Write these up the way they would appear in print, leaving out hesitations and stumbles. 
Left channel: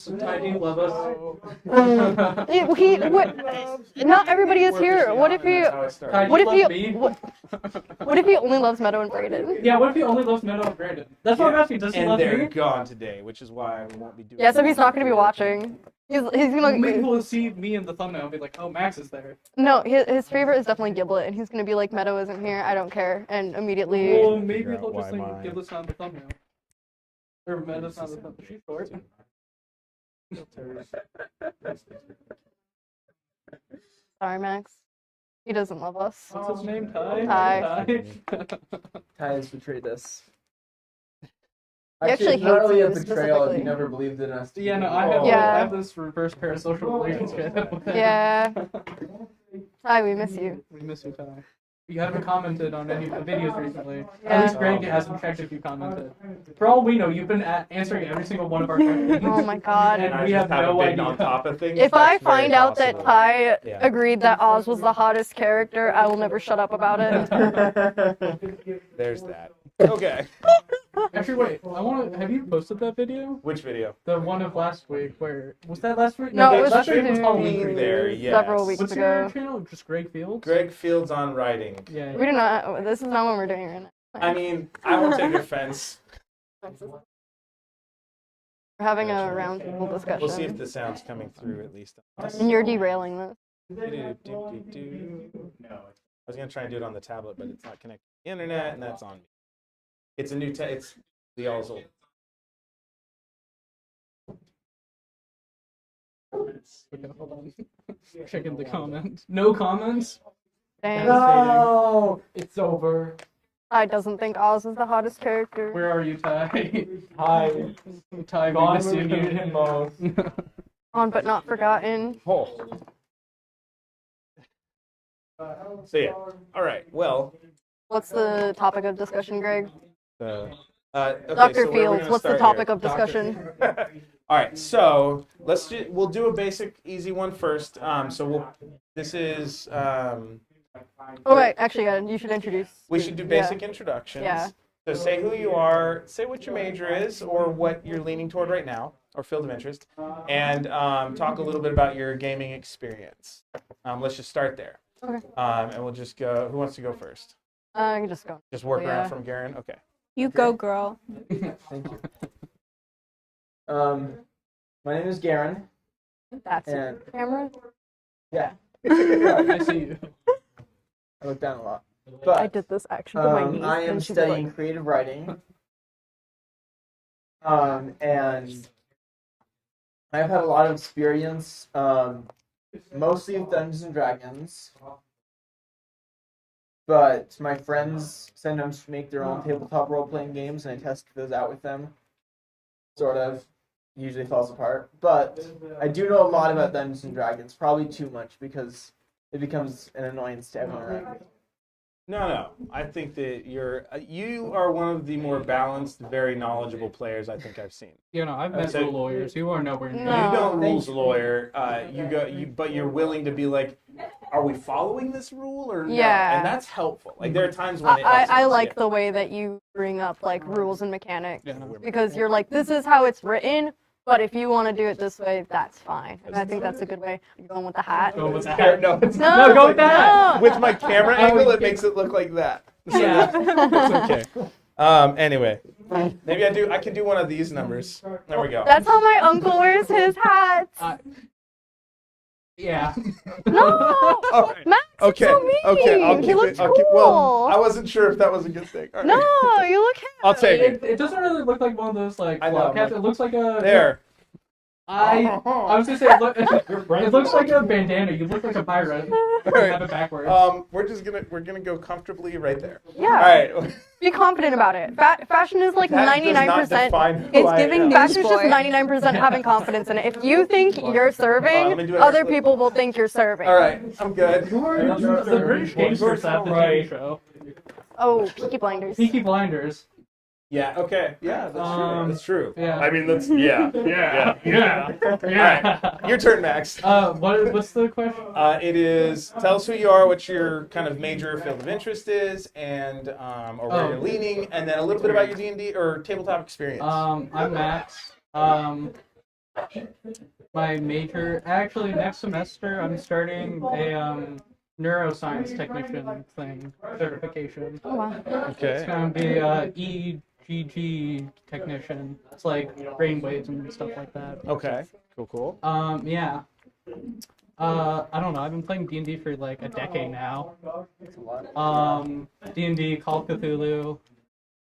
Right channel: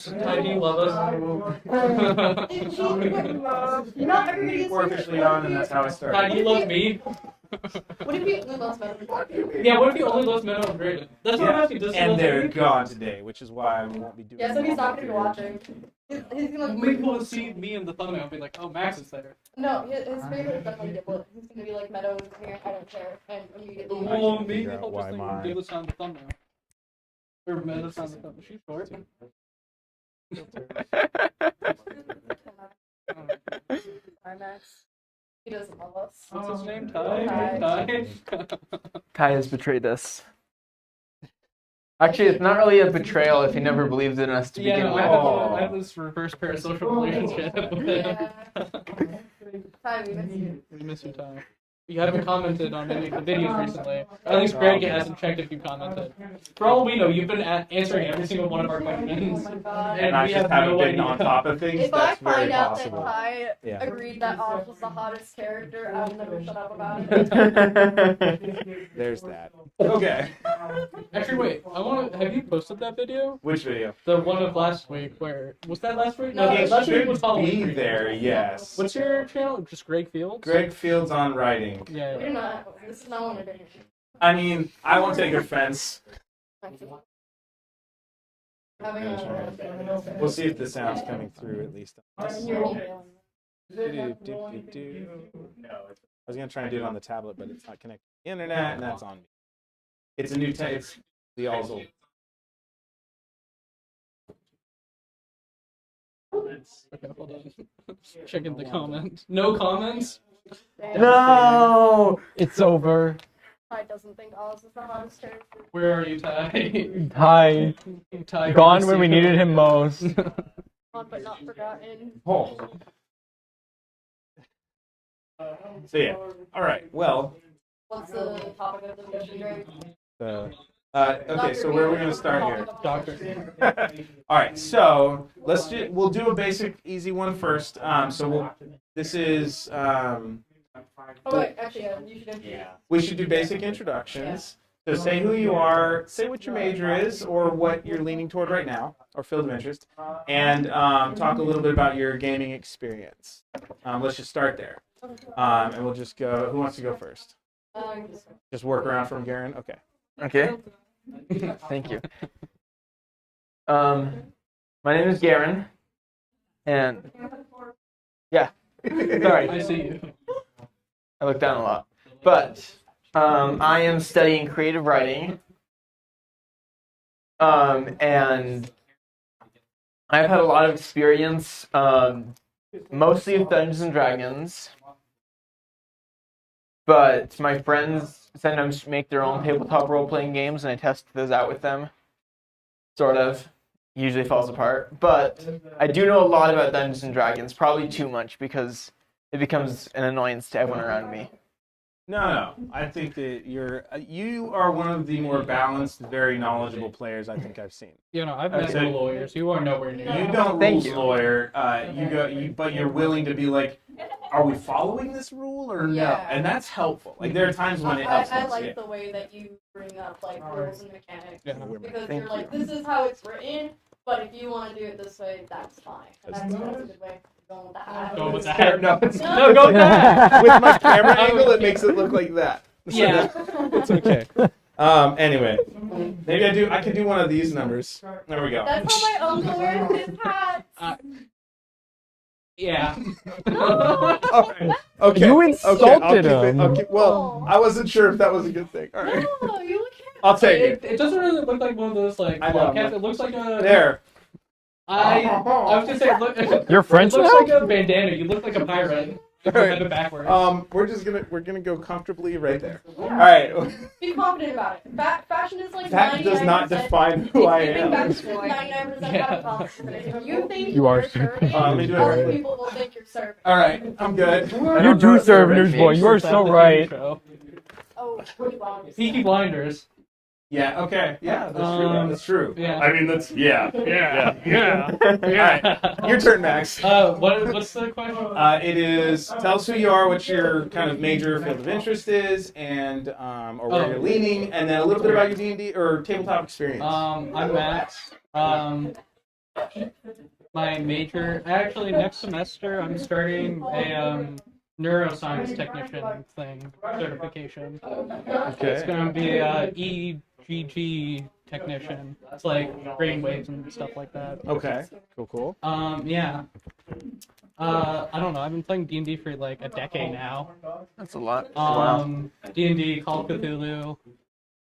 Ty, do you love us? Not everybody is here. What if he? Ty, do What you if he? love me? What if he only loves Meadow and Brayden? Yeah, what if he only loves Meadow and Brayden? That's what I'm asking. Does he And love they're me? gone today, which is why we won't be doing. Yeah, so he's not gonna be watching. He's gonna. Maybe he'll see me in the thumbnail and be like, oh, Max is there. No, his favorite is definitely Giblet, and he's gonna be like, Meadow isn't here. I don't care, and immediately. Well, maybe figure out he'll why just think mine- Giblet's on the thumbnail. Or Meadow's on the thumbnail. She's short. Sorry, Max. He doesn't love us. What's his name? Ty? Ty. Kai has betrayed us. He Actually, it's not hates really a us betrayal if he specifically. never believed in us to Yeah, begin no, with. I have this reverse parasocial relationship. Yeah. Ty, we miss you. We miss you, Ty. You haven't commented on any of the videos recently. At least Greg hasn't checked if you commented. For all we know, you've been answering every single one of our questions. Oh my god. And I we just have haven't no been idea. on top of things. If I that's very find out that possible. Ty Yeah. agreed that Oz was the hottest character, I will never shut up about it. There's that. Okay. Actually, wait. Have you posted that video? Which video? The one of last week. Where was that last week? No, it it was last week should was Halloween be week. there. Several Yes. weeks What's your ago. channel? Just Greg Fields. Greg Fields on writing. Yeah. We do not. This is not what we're doing right now. I mean, I won't take offense. We're having a roundtable discussion. We'll see if the sound's coming through at least. And you're derailing this. I was gonna try and do it on the tablet, but it's not connected to the internet, and that's on me. It's a new. It's the all's old. Okay, hold on. Checking the comments. No comments. Damn. No! It's over. Ty doesn't think Oz is the hottest character. Where are you, Ty? Ty. Ty, Gone miss when we you. needed him most. On but not forgotten. Oh. So yeah. All right. Well. What's the topic of discussion, Greg? Okay. Dr. So where are we Fields, gonna what's the start topic here? of discussion? All right. So we'll do a basic, easy one first. This is. Oh wait, actually, you should introduce. We should do basic introductions. Yeah. So say who you are, say what your major is, or what you're leaning toward right now, or field of interest, and talk a little bit about your gaming experience. Let's just start there. Okay. And we'll just go. Who wants to go first? You can just go. Just work Yeah. around from Garen. Okay. You Okay. go, girl. Thank you. My name is Garen, That's and it. Camera. yeah, Sorry, I see you. I look down a lot. I But did this actually. I am studying creative writing, and I've had a lot of experience, mostly with Dungeons and Dragons. But my friends sometimes make their own tabletop role-playing games, and I test those out with them. Sort of. Usually falls apart. But I do know a lot about Dungeons and Dragons, probably too much, because it becomes an annoyance to everyone around me. No. I think that you are one of the more balanced, very knowledgeable players I think I've seen. You know, I've met So- no lawyers. You are nowhere near. No. You don't Thank rules you. lawyer. But you're willing to be like, are we following this rule or no? Yeah. And that's helpful. Like there are times when it helps. I us, like yeah. the way that you bring up like rules and mechanics Yeah. because you're like, this is how it's written, but if you want to do it this way, that's fine. And I think that's a good way. You're going with the hat. Going with Yeah, that. no, it's No, go with that. with my camera angle, it makes it look like that. So Yeah. it's okay. Anyway, maybe I could do one of these numbers. There we go. That's how my uncle wears his hats. Yeah. No. All right. Max, Okay. You Okay. insulted him. Okay. Well, I wasn't sure if that was a good thing. All right. No, you look handsome. I'll take it. It doesn't really look like one of those like I know, flop caps. but- It looks like a. There. I was gonna say, You're it friends looks with like a bandana. You look like a pirate. You Alright. have it backwards. We're gonna go comfortably right there. Yeah. All right. Be confident about it. Fashion is like That 99%. does not define It's who I giving am. fashion's just 99% having confidence in it. If you think You are you're too. serving, Let me do it other right. people will think you're serving. All right. I'm good. You do serve, newsboy. You are so right. Oh, Peaky Blinders. Peaky Blinders. Yeah. Okay. Yeah. That's true. That's true. Yeah. I mean, that's yeah. Yeah. All right. Your turn, Max. What's the question? It is tell us who you are, what your kind of major field of interest is, and or where you're leaning, and then a little bit about your D&D or tabletop experience. I'm Max. My major, actually, next semester I'm starting a neuroscience technician thing certification. Oh, wow. It's Okay. gonna be a EGG technician. It's like brain waves and stuff like that. Okay. Cool. Yeah. I don't know. I've been playing D&D for like a decade now. That's a lot. D&D, Call of Cthulhu,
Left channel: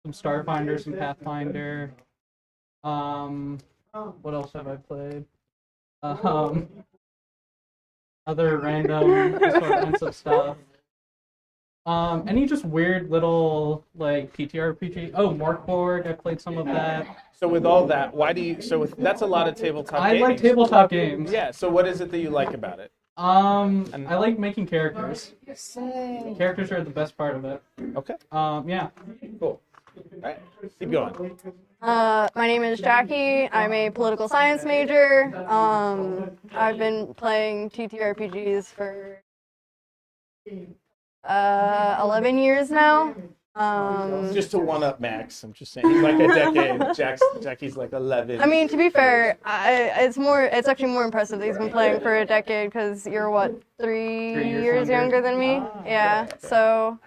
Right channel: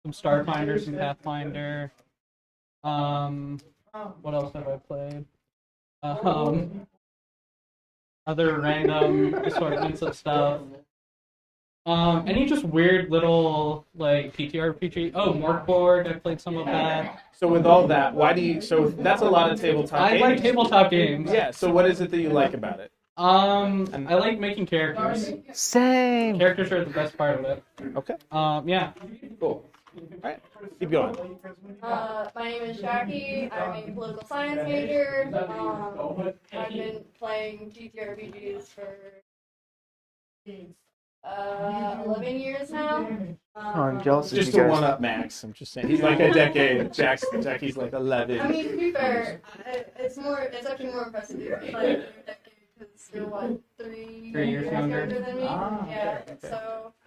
some Starfinder, some Pathfinder. What else have I played? Other random assortments of stuff. Any just weird little like TTRPG? Oh, Morkborg. I played some of that. So with all that, why do you? So that's a lot of tabletop. I gaming. like tabletop games. Yeah. So what is it that you like about it? I like making characters. Same. Characters are the best part of it. Okay. Yeah. Cool. All right. Keep going. My name is Jackie. I'm a political science major. I've been playing TTRPGs for 11 years now. Just to one up Max. I'm just saying he's like a decade. Jackie's like 11. I mean, to be fair, it's actually more impressive that he's been playing for a decade because you're what, 3 years younger than me? Yeah. okay. So,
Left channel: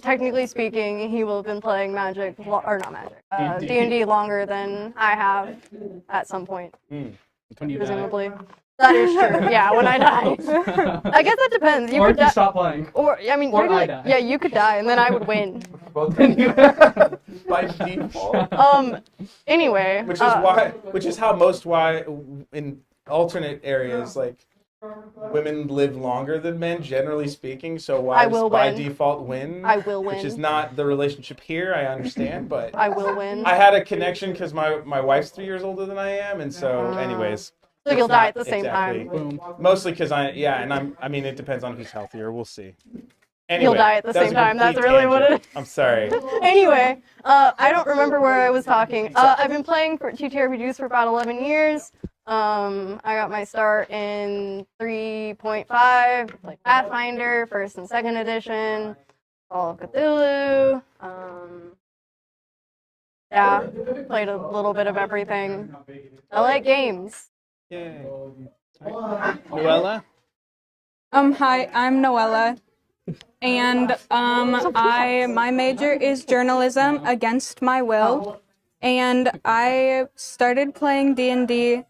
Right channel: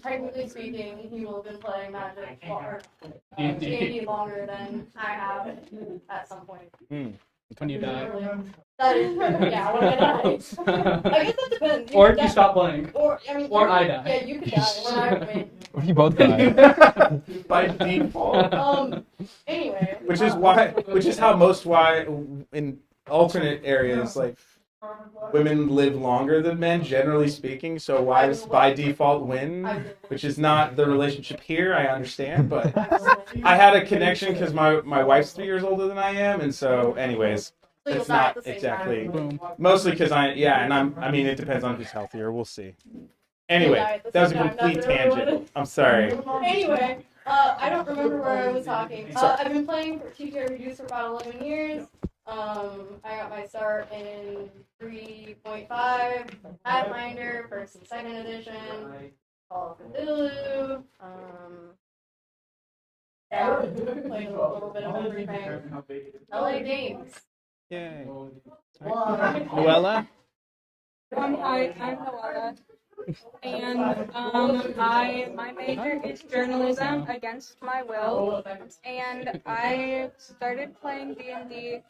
technically speaking, he will have been playing Magic, or not Magic, D&D longer than I have at some point. When you die. Presumably. That is true. Yeah, when I die. I guess that depends. Or if you stop playing. Or I mean, Or I die. Yeah, you could die and then I would win. You both die. By default. Anyway. Which is why in alternate areas like women live longer than men, generally speaking. So wives by default win. I will win. Which is not the relationship here. I understand, but I will win. I had a connection because my wife's 3 years older than I am, and so anyways. So you'll it's die not at the same exactly. time. Boom. Mostly because I mean it depends on who's healthier. We'll see. Anyway, You'll die at the that was a same time. complete That's really what tangent. it is. I'm sorry. Anyway, I don't remember where I was talking. I've been playing for TTRPGs for about 11 years. I got my start in 3.5, like Pathfinder, 1st and 2nd edition, Call of Cthulhu. Yeah, played a little bit of everything. I like games. Yay. Noella? Hi, I'm Noella, and my major is journalism against my will, and I started playing D&D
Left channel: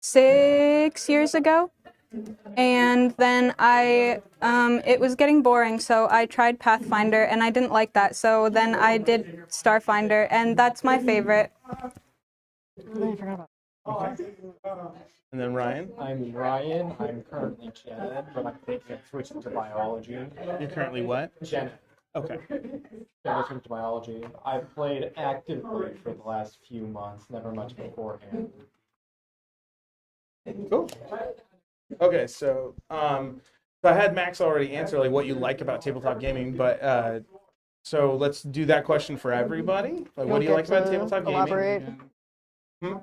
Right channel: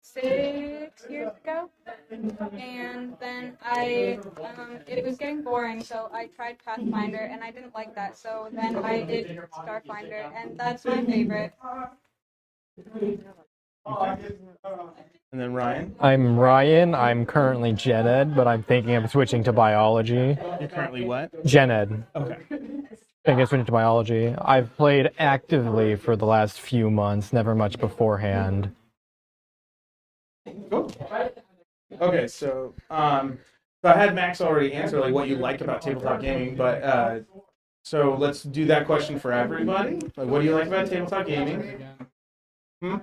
6 years ago, and then it was getting boring, so I tried Pathfinder, and I didn't like that, so then I did Starfinder, and that's my favorite. And then Ryan? I'm Ryan. I'm currently Gen Ed, but I'm thinking of switching to biology. You're currently what? Gen Ed. Okay. I guess switching to biology. I've played actively for the last few months, never much beforehand. Cool. Okay, so I had Max already answer like what you like about tabletop gaming, but so let's do that question for everybody. Like, what do you like about tabletop gaming? Elaborate.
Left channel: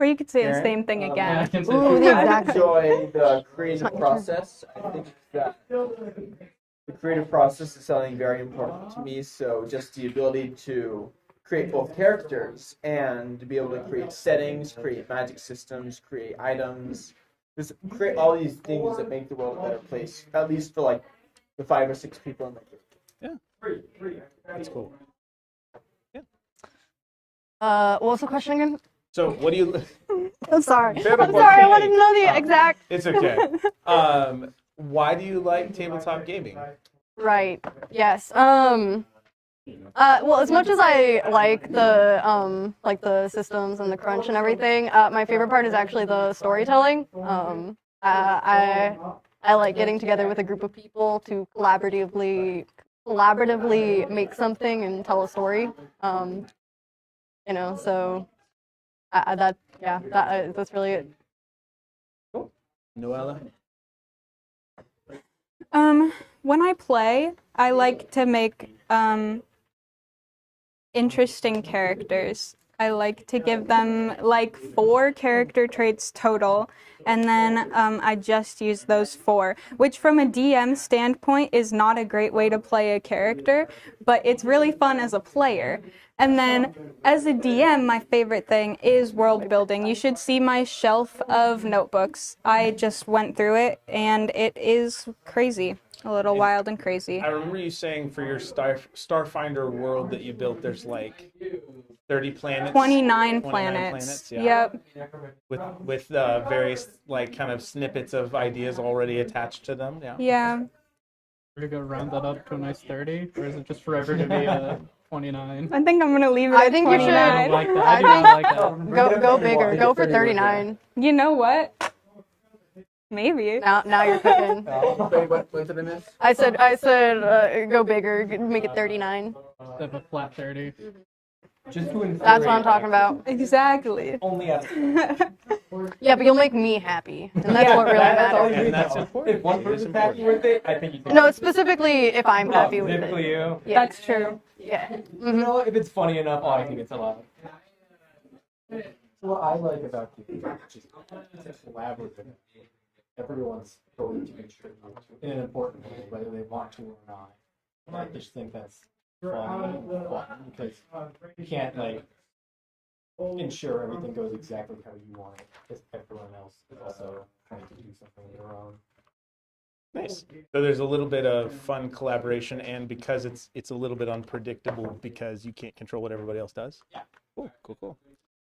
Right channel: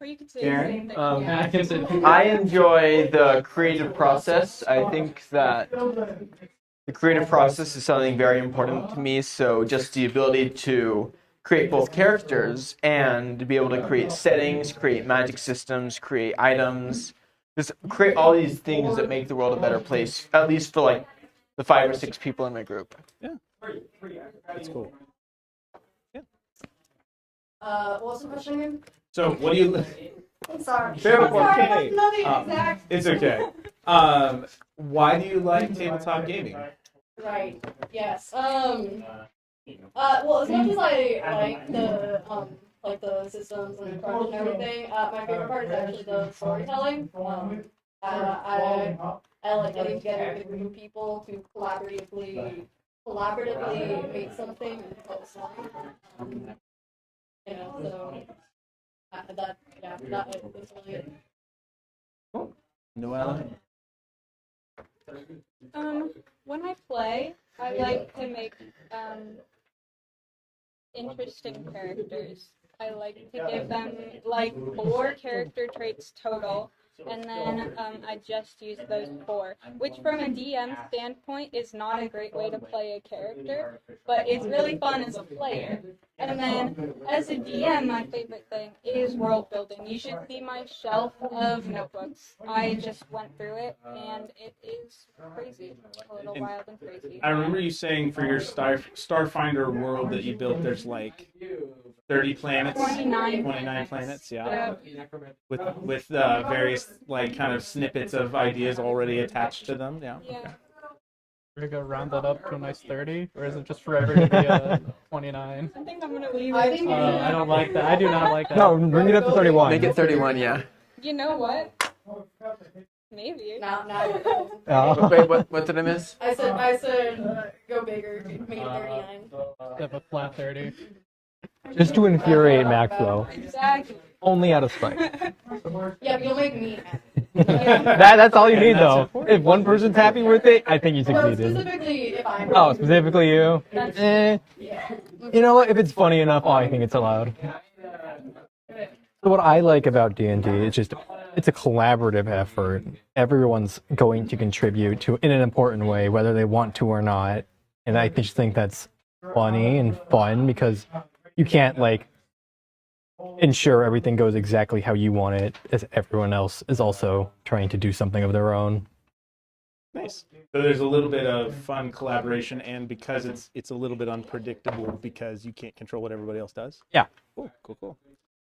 Or you could say the same thing Yeah, I again. can say Ooh, I enjoy the creative process. I think that the creative process is something very important to me. So just the ability to create both characters and to be able to create settings, create magic systems, create items, just create all these things that make the world a better place, at least for like the 5 or 6 people in my group. Yeah. That's cool. What's the question again? So what do you? I'm sorry. Favorite I'm sorry, I cake. didn't know the Oh. exact. It's okay. Why do you like tabletop gaming? Right. Yes. Well, as much as I like the systems and the crunch and everything, my favorite part is actually the storytelling. I like getting together with a group of people to collaboratively make something and tell a story. So that's really it. Cool. Noella? When I play, I like to make interesting characters. I like to give them like 4 character traits total, and then I just use those 4, which from a DM standpoint is not a great way to play a character, but it's really fun as a player. And then as a DM, my favorite thing is world building. You should see my shelf of notebooks. I just went through it and it is crazy. A little wild and crazy. I remember you saying for your Starfinder world that you built, there's like 30 planets. 29 planets. Yeah. Yep. With various like kind of snippets of ideas already attached to them. Yeah. Yeah. We're gonna round that up to a nice 30, or is it just forever to be a 29? I think I'm gonna leave it I at think you 29. should. I don't like that. I do not like that. No, bring it up to Go 31. bigger. Go for 31, yeah. 39. You know what? Maybe. Now you're cooking. Wait, what did I miss? I said go bigger. Make it 39. Have a flat 30. Just to what I'm infuriate talking Max, about. though. Exactly. Only out of spite. Yeah, but you'll make me happy. And that's what really That's all you matters. need, that's though. important. If one person's happy with it, I think you No, succeeded. specifically if I'm Oh, happy with specifically it. you? Yeah. That's Eh, true. Yeah. you know what? If it's funny enough, oh, I think it's allowed. So what I like about D&D is just it's a collaborative effort. Everyone's going to contribute to in an important way, whether they want to or not. And I just think that's funny and fun because you can't like ensure everything goes exactly how you want it, as everyone else is also trying to do something of their own. Nice. So there's a little bit of fun collaboration, and because it's a little bit unpredictable because you can't control what everybody else does. Yeah. Cool.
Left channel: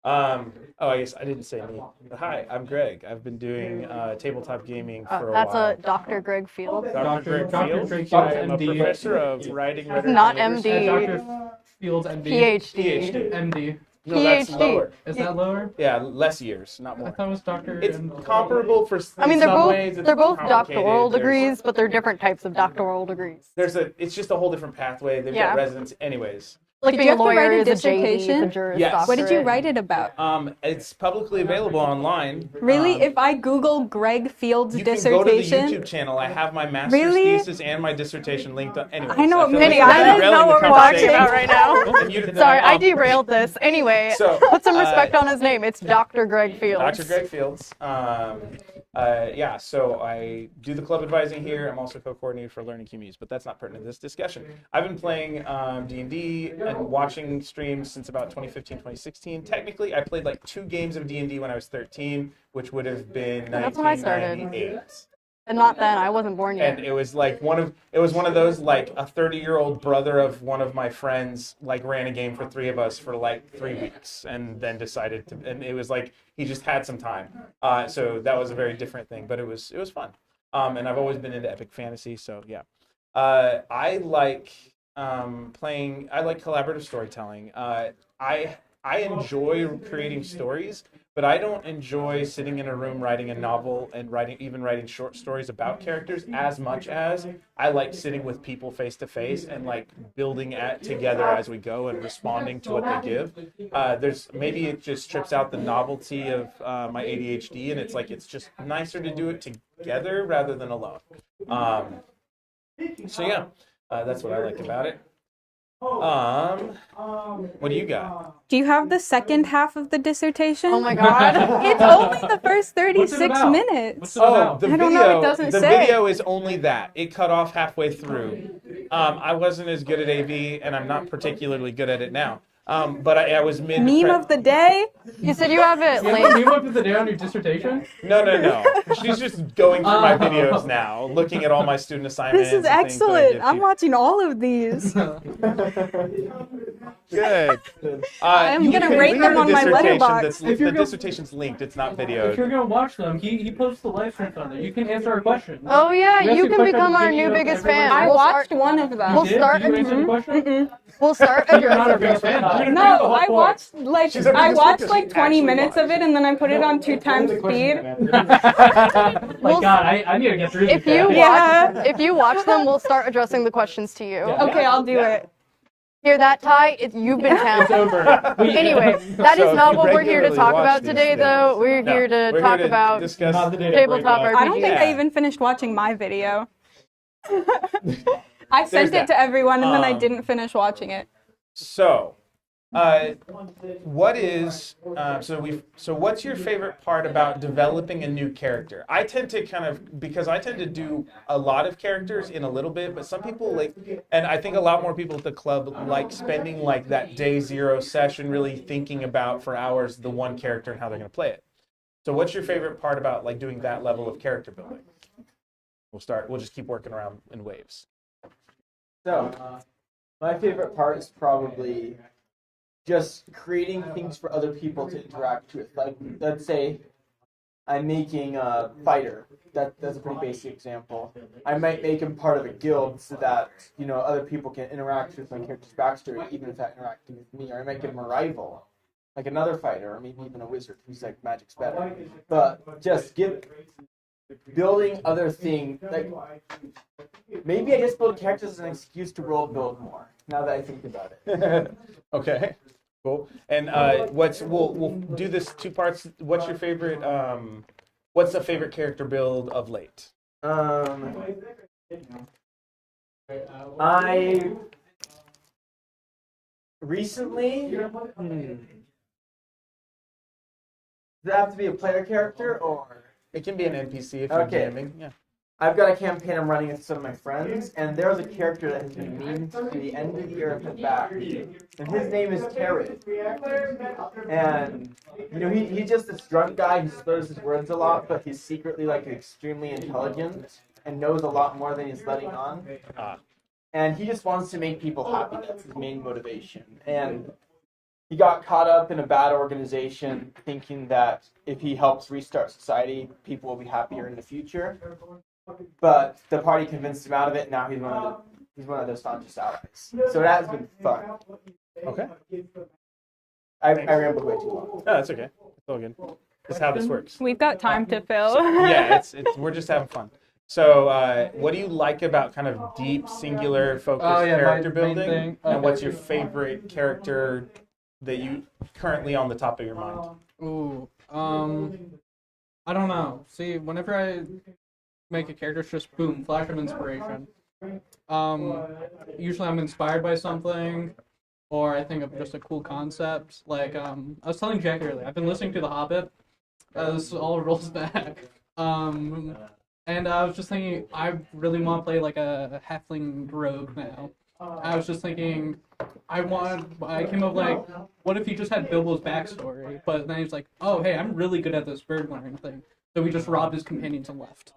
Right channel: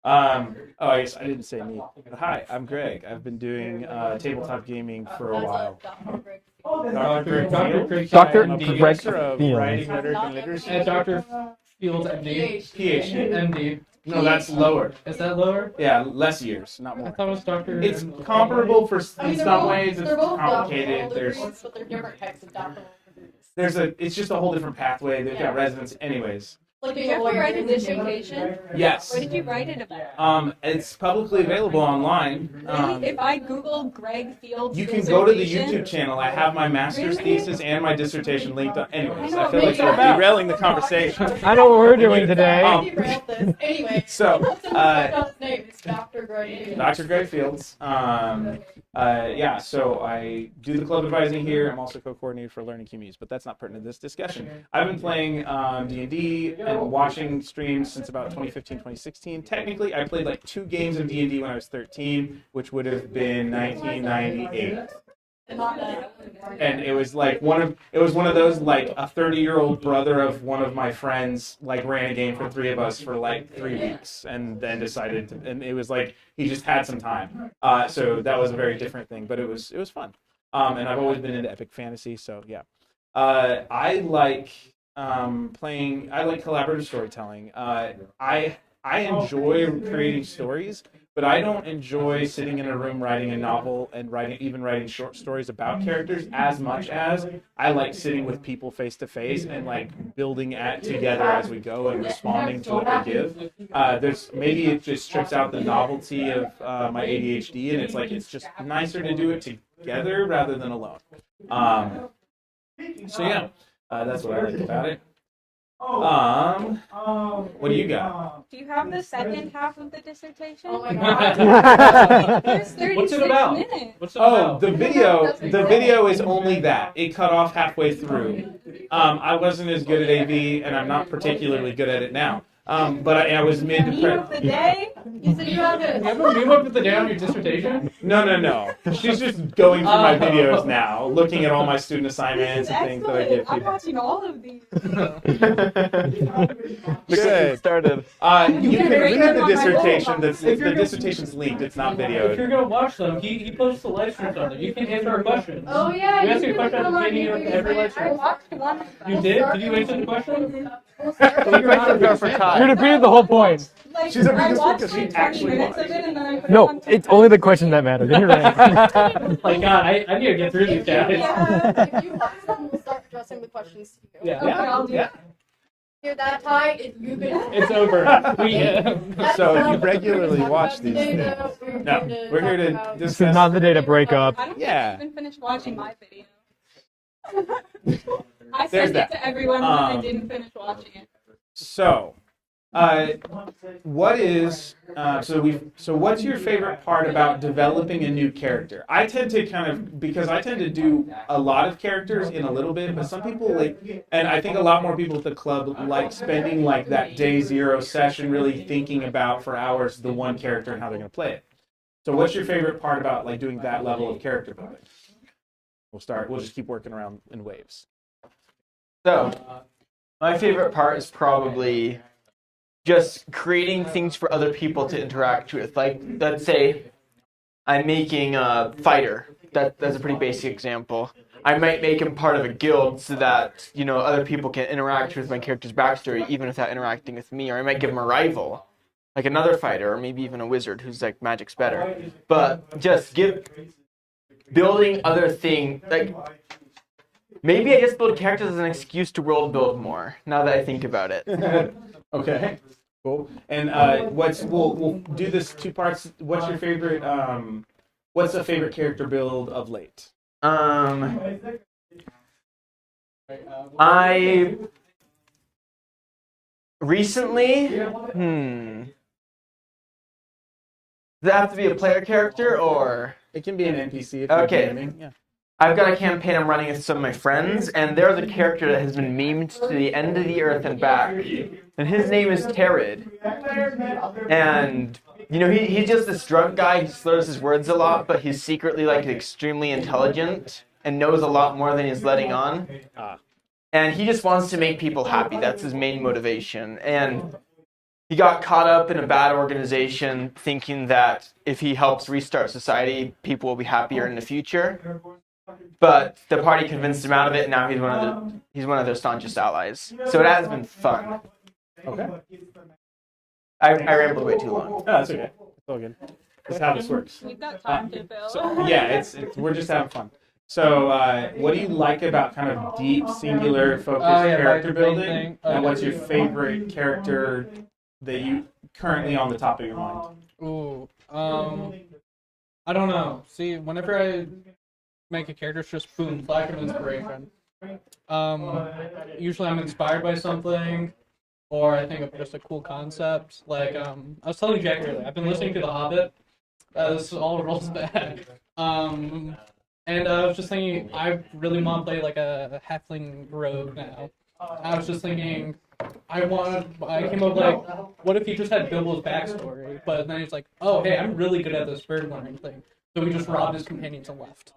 Oh, I guess I didn't say me. Hi, I'm Greg. I've been doing tabletop gaming for a That's while. a Dr. Greg Field. Dr. Greg Dr. Fields. Greg I'm Fields, a MD. professor of Fields. writing, rhetoric, Not and literacy. MD. Dr. Fields, MD. PhD. MD. No, that's PhD. lower. Is that lower? Yeah, less years, not I more. thought it was Dr. It's MD. comparable for I mean, in some ways. It's they're both complicated. doctoral There's- degrees, but they're different types of doctoral degrees. It's just a whole different pathway. They've Yeah. got residency, anyways. Like Did being you a have to lawyer write a is a JD dissertation? for Juris Yes. What did you Doctorate. write it about? It's publicly available online. Really? If I Google Greg Fields You can dissertation, go to the YouTube channel. I have my master's Really? thesis and my dissertation linked up. Anyways, I know, feel maybe like I we're derailing the know what we're watching conversation. right I know what we're doing You- today. Sorry, I Oh. derailed this. Anyway, So, put some respect on his name. It's Dr. Greg Fields. Dr. Greg Fields. Yeah, so I do the club advising here. I'm also co-coordinator for Learning Communities, but that's not pertinent to this discussion. I've been playing D&D and watching streams since about 2015, 2016. Technically, I played like 2 games of D&D when I was 13, which would have been That's when I started. 1998. And not then. I wasn't born yet. And it was like one of those like a 30-year-old brother of one of my friends like ran a game for 3 of us for like 3 weeks and then decided to, and it was like he just had some time. So that was a very different thing, but it was fun. And I've always been into epic fantasy, so yeah. I like playing. I like collaborative storytelling. I enjoy creating stories, but I don't enjoy sitting in a room writing a novel and writing short stories about characters as much as I like sitting with people face to face and like building together as we go and responding to what they give. Maybe it just strips out the novelty of my ADHD, and it's just nicer to do it together rather than alone. So yeah, that's what I like about it. What do you got? do you have the second half of the dissertation? Oh my god. The first What's it 36 about? minutes. What's it Oh, about? the I don't know, it video. doesn't The say. video is only that. It cut off halfway through. I wasn't as good at AV, and I'm not particularly good at it now. But I was mid. Meme of the day? You said you have it You like. have a meme up at the day on your dissertation? No. She's just going through my videos now, looking at all my student assignments. This is and things that I give excellent. I'm people. watching all of these. Good. Started. I'm You gonna can rate read them the on my dissertation. letterbox. If you're The go- dissertation's linked. It's not If you're videoed. gonna watch them, he posts the live streams on there. You can answer our questions. Oh yeah, We asked you you a can question become at the our beginning new of biggest every fan. lesson. I We'll watched start- one of You them. did? start- Did you answer the question? We'll start. You're not a real fan. You're No, defeated the whole I point. watched like She's a I biggest fan watched 'cause like she 20 actually minutes of watched. it and then I put it No, on 2 it's only the question that matters. You're right. Like, God, I need to get through this. If you guy. Yeah. if you watch them, we'll start addressing the questions to you. Yeah. Okay, I'll do it. Hear that, Ty? You've been It's talented. over. We- Anyway, that is So not you what we're here to regularly talk watch about these today, things. though. We're No, here to we're talk here to about This discuss. is not the day to break tabletop up. I don't think Yeah. they even finished watching my video. I There's sent that. it to everyone and then I Um, didn't finish watching it. So, What is so what's your favorite part about developing a new character? I tend to because I tend to do a lot of characters in a little bit, but some people like, and I think a lot more people at the club like spending like that day zero session really thinking about for hours the one character and how they're going to play it. So what's your favorite part about like doing that level of character building? We'll just keep working around in waves. So, my favorite part is probably just creating things for other people to interact with. Like, let's say I'm making a fighter. That's a pretty basic example. I might make him part of a guild so that, other people can interact with my character's backstory even without interacting with me. Or I might give him a rival, like another fighter, or maybe even a wizard who's like magic's better. But just building other things, like maybe I just build characters as an excuse to world build more. Now that I think about it. Okay, cool. And we'll do this two parts. What's your favorite? What's a favorite character build of late? I recently. Does it have to be a player character or? It can be an NPC if you're DMing. Yeah. I've got a campaign I'm running with some of my friends, and there's a character that has been memed to the end of the earth and back, and his name is Terrid. And he's just this drunk guy who slurs his words a lot, but he's secretly like extremely intelligent and knows a lot more than he's letting on. And he just wants to make people happy. That's his main motivation. And he got caught up in a bad organization thinking that if he helps restart society, people will be happier in the future. But the party convinced him out of it, and now he's one of their staunchest allies. So it has been fun. Okay. I rambled way too long. Oh, that's okay. It's all good. That's how this works. We've got time to fill. Yeah, we're just having fun. So, what do you like about kind of deep, singular, focused character building? And what's your favorite character that you currently on the top of your mind? Ooh, I don't know. See, whenever I make a character, it's just boom, flash of inspiration. Usually I'm inspired by something, or I think of just a cool concept. Like, I was telling Jack earlier, I've been listening to The Hobbit. This all rolls back. And I was just thinking, I really want to play like a halfling rogue now. I was just thinking, I came up like, what if he just had Bilbo's backstory, but then he's like, oh, hey, I'm really good at this bird learning thing. So he just robbed his companions and left.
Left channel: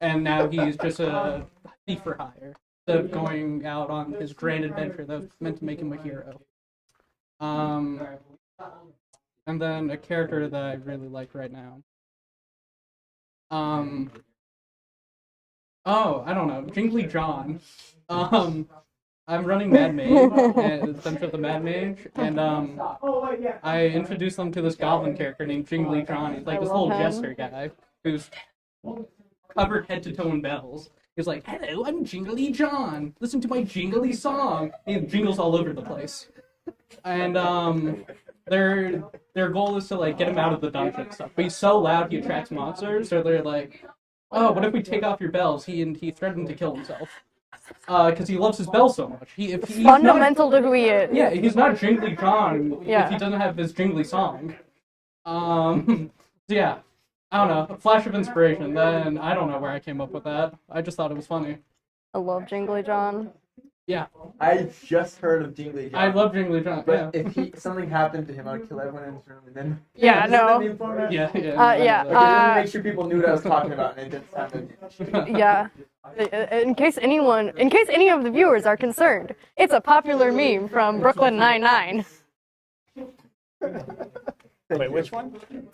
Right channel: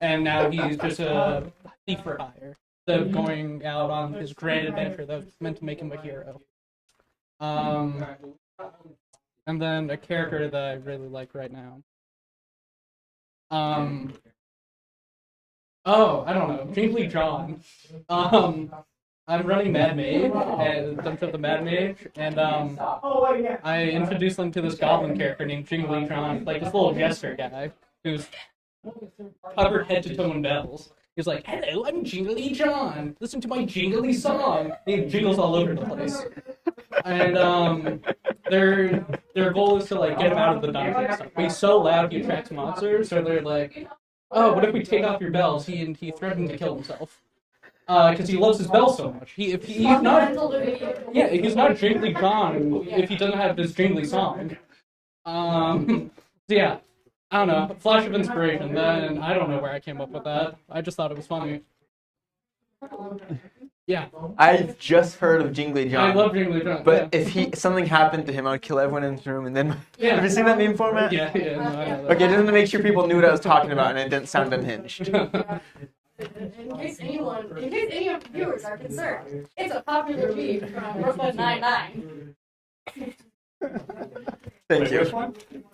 And now he's just a thief for hire, instead of going out on his grand adventure that was meant to make him a hero. And then a character that I really like right now. Oh, I don't know, Jingly John. I'm running Mad Mage, and Dungeon of the Mad Mage, and I introduced them to this goblin character named Jingly John. He's like this little jester guy who's covered head to toe in bells. He's like, "Hello, I'm Jingly John. Listen to my jingly song." And he jingles all over the place. And their goal is to like get him out of the dungeon and stuff. But he's so loud he attracts monsters, so they're like, "Oh, what if we take off your bells?" He threatened to kill himself. Because he loves his bell so much. He's fundamental to who he is. Yeah, he's not Jingly John if he doesn't have his jingly song. So yeah, I don't know. Flash of inspiration. Then I don't know where I came up with that. I just thought it was funny. I love Jingly John. Yeah. I've just heard of Jingly John. I love Jingly John. But if something happened to him, I would kill everyone in this room and then. Yeah, Is that meme format? Yeah. Okay, just to make sure people knew what I was talking about and it didn't sound unhinged. Yeah. In case any of the viewers are concerned, it's a popular meme from Brooklyn Nine-Nine. Wait, which one?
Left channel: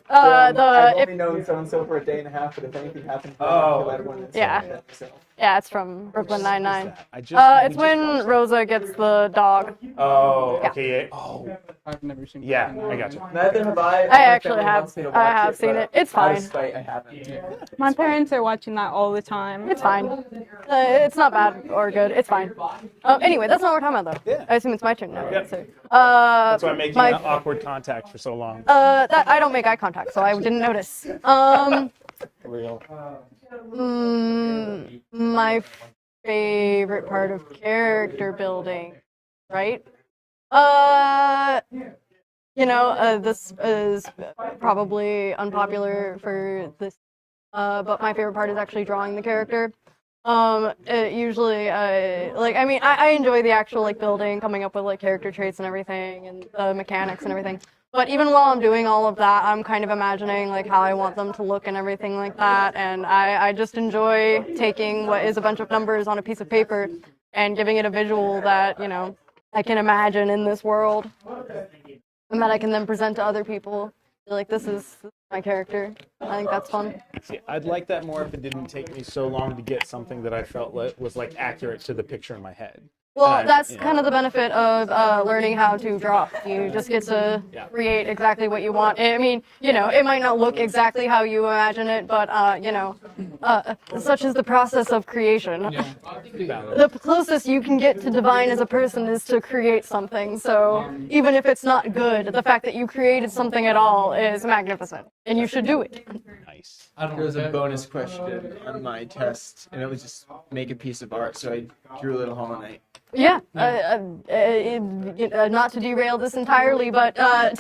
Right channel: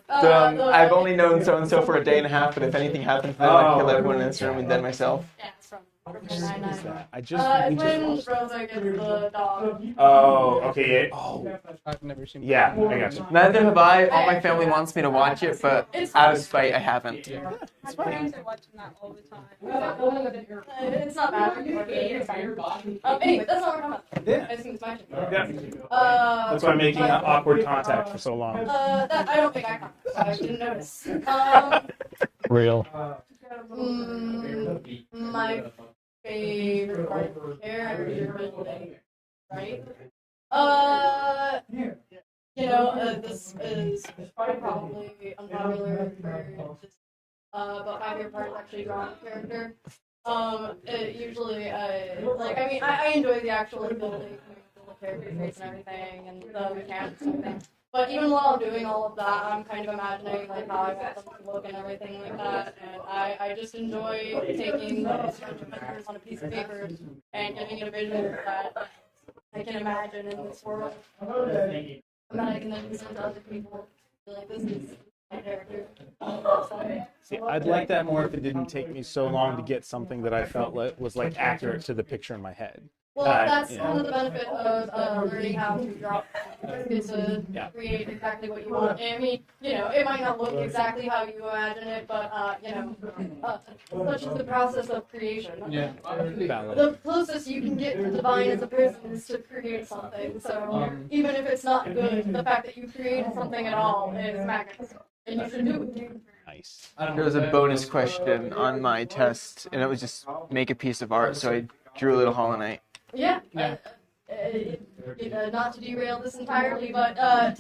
I've only known so-and-so for a day and a half, but if anything happens to them, I'd kill everyone in this room and then myself. Yeah, it's from Brooklyn Nine-Nine. It's when Rosa gets the dog. Oh, okay. Oh, I've never seen it. yeah, I got you. Neither have I. My actually family have- wants me to I watch have it, seen but it. It's out fine. of spite, I haven't. My parents are watching that all the time. It's fine. It's not bad or good. It's fine. Anyway, that's not what we're talking about, though. Yeah. I assume it's my turn now. Yeah. So, That's why I'm making awkward contact for so long. that I don't make eye contact, so I didn't notice. Real. My favorite part of character building, right? Uh, this is probably unpopular for this, but my favorite part is actually drawing the character. Usually, I enjoy the actual like building, coming up with like character traits and everything, and the mechanics and everything. But even while I'm doing all of that, I'm kind of imagining like how I want them to look and everything like that. And I just enjoy taking what is a bunch of numbers on a piece of paper and giving it a visual that, I can imagine in this world. And that I can then present to other people. Like, this is my character. I think that's fun. See, I'd like that more if it didn't take me so long to get something that I felt was like accurate to the picture in my head. Well, that's you know. kind of the benefit of learning how to draw. You just get to create exactly what you want. I mean, it might not look exactly how you imagine it, but, such is the process of creation. Yeah. Valid. The closest you can get to divine as a person is to create something. So even if it's not good, the fact that you created something at all is magnificent, and you should do it. Nice. I don't There was a know. bonus question on my test, and it was just make a piece of art. So I drew a little Hollow Knight. Yeah, not to derail this entirely, but I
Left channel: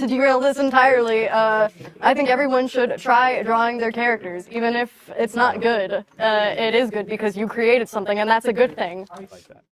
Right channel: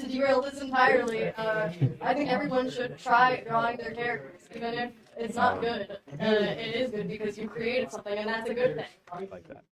think everyone should try drawing their characters, even if it's not good. It is good because you created something, and that's a good thing. I like that.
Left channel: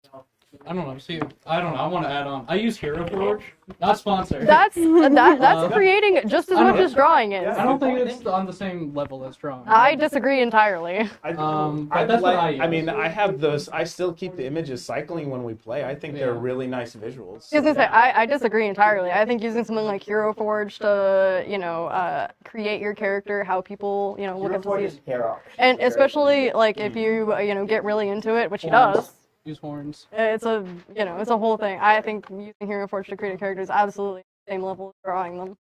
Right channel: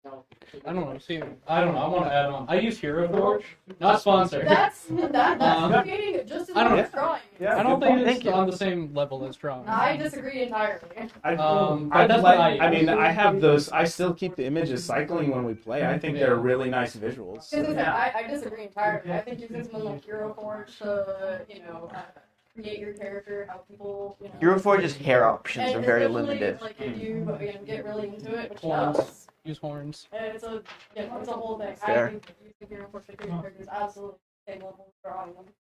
I don't know. See, I don't know. I want to add on. I use Hero Forge, not sponsored. That's creating it just as I don't- much as drawing it. I don't think it's on the same level as drawing. I disagree entirely. But I'd that's what I like, I use. mean, I have those. I still keep the images cycling when we play. I think they're really nice visuals. So, I was gonna say, I disagree entirely. I think using something like Hero Forge to, create your character, how people, Hero Forge's hair options and are very especially limited. like if you, get really into it, which he Horns. does. Use horns. It's a, it's a whole thing. I Fair. think using Hero Forge to create a character is absolutely the same level as drawing them.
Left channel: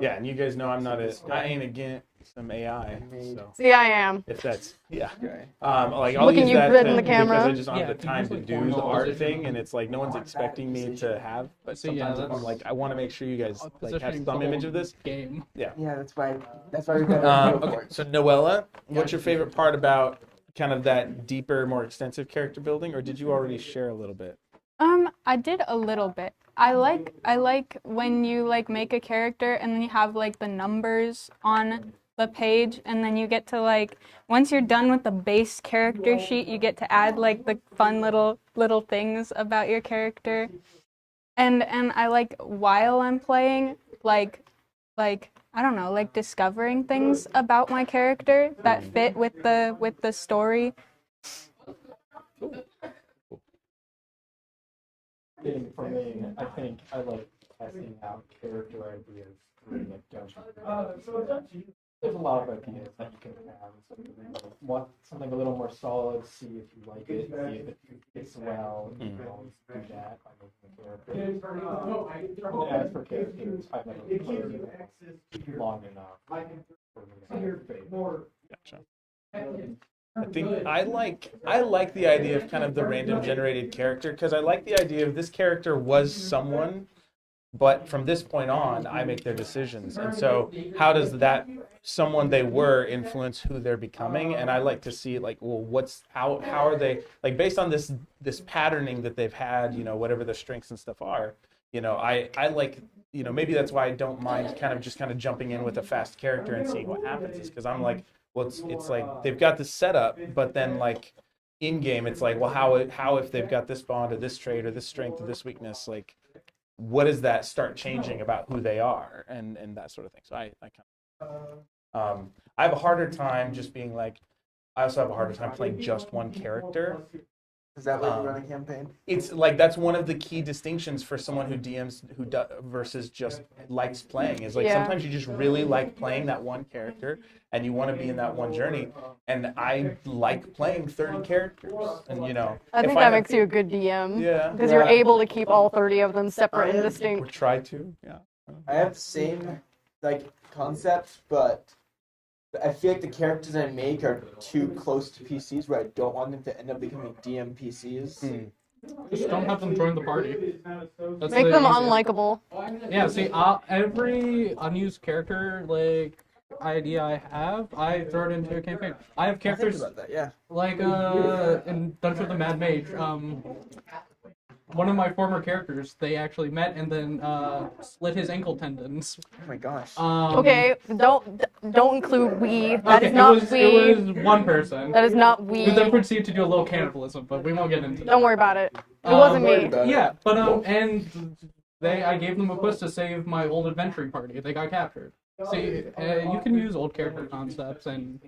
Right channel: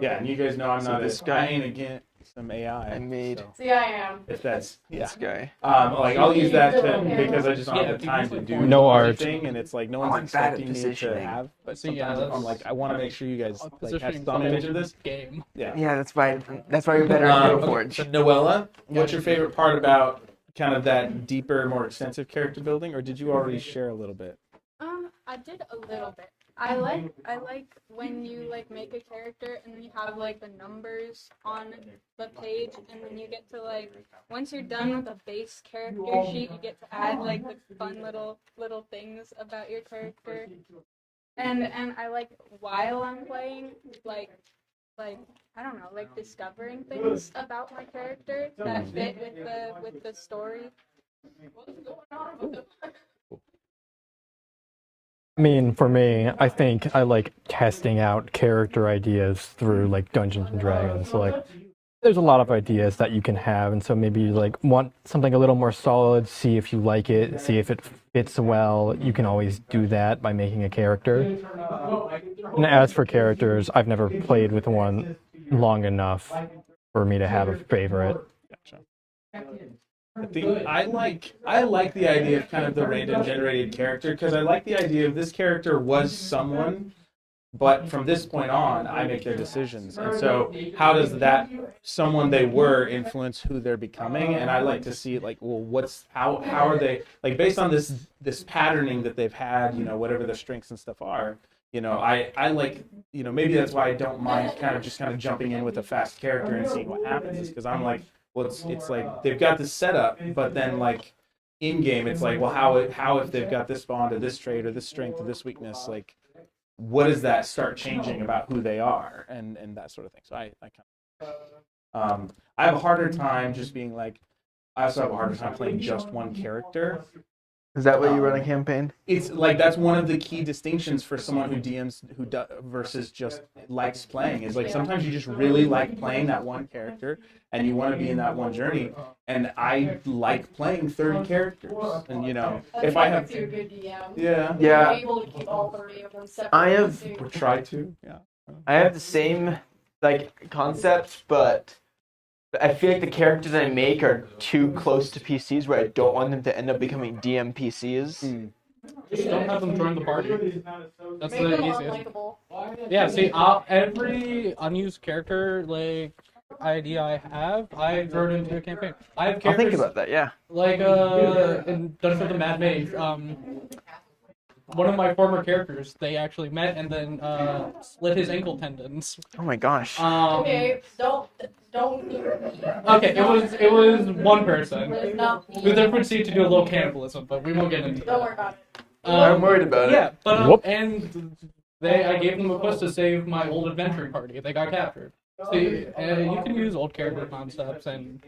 Yeah, and you guys know I'm not this a. guy- I ain't against some AI. made- So See, I am. if that's This guy. like I'll Can use you that fit in the because camera? I just don't Yeah, have the if you time use, to like, do horns the No art art. thing, and it's like no one's I'm bad at expecting me to positioning. have. But See, yeah, sometimes I'm that's- like, I want to make sure you guys like have Positioning's some the image whole of this. game. Yeah. Yeah, that's why you're better at Hero Okay, Forge. so Noella, what's your favorite part about kind of that deeper, more extensive character building, or did you already share a little bit? I did a little bit. I like when you like make a character and then you have like the numbers on the page, and then you get to like once you're done with the base character sheet, you get to add like the fun little things about your character. And I like while I'm playing, like I don't know, like discovering things about my character that fit with the story. I mean, for me, I think I like testing out character ideas through like Dungeons and Dragons. So, like, there's a lot of ideas that you can have, and so maybe you like want something a little more solid, see if you like it, see if it fits well. You can always do that by making a character. And as for characters, I've never played with one long enough for me to have a favorite. Gotcha. I think I like the idea of kind of the random generated character because I like the idea of this character was someone, but from this point on, I make their decisions. And so how does that someone they were influence who they're becoming? And I like to see like, well, how are they like based on this patterning that they've had, whatever the strengths and stuff are, I like, maybe that's why I don't mind kind of jumping in with a fast character and seeing what happens is because I'm like, well, it's like they've got this setup, but then like in game, it's like, well, how if they've got this bond or this trait or this strength or this weakness, like what does that start changing about who they are and that sort of thing. So I have a harder time just being like, I also have a harder time playing just one character. Is that what you run a campaign? It's like that's one of the key distinctions for someone who DMs versus just likes playing is like Yeah. sometimes you just really like playing that one character and you want to be in that one journey. And I like playing 30 characters. And I think if that have, makes you a good DM. yeah, Because Yeah. you're able to keep all 30 of them separate and or distinct. try to, yeah. I have the same like concept, but I feel like the characters I make are too close to PCs where I don't want them to end up becoming DM PCs. Just don't have them join the party. That's Make the them easiest. unlikable. Yeah, see, every unused character like idea I have, I throw it into a campaign. I have I'll think characters about that. Yeah. like in Dungeons with the Mad Mage. one of my former characters, they actually met and then split his ankle tendons. Oh my gosh. Okay, don't include we. Okay, it was one person. That is not we. Who then proceeded to do a little cannibalism, but we won't get into that. Don't worry about it. It wasn't me. about it. Yeah, but Whoop. and I gave them a quest to save my old adventuring party. They got captured. See, you can use old character concepts and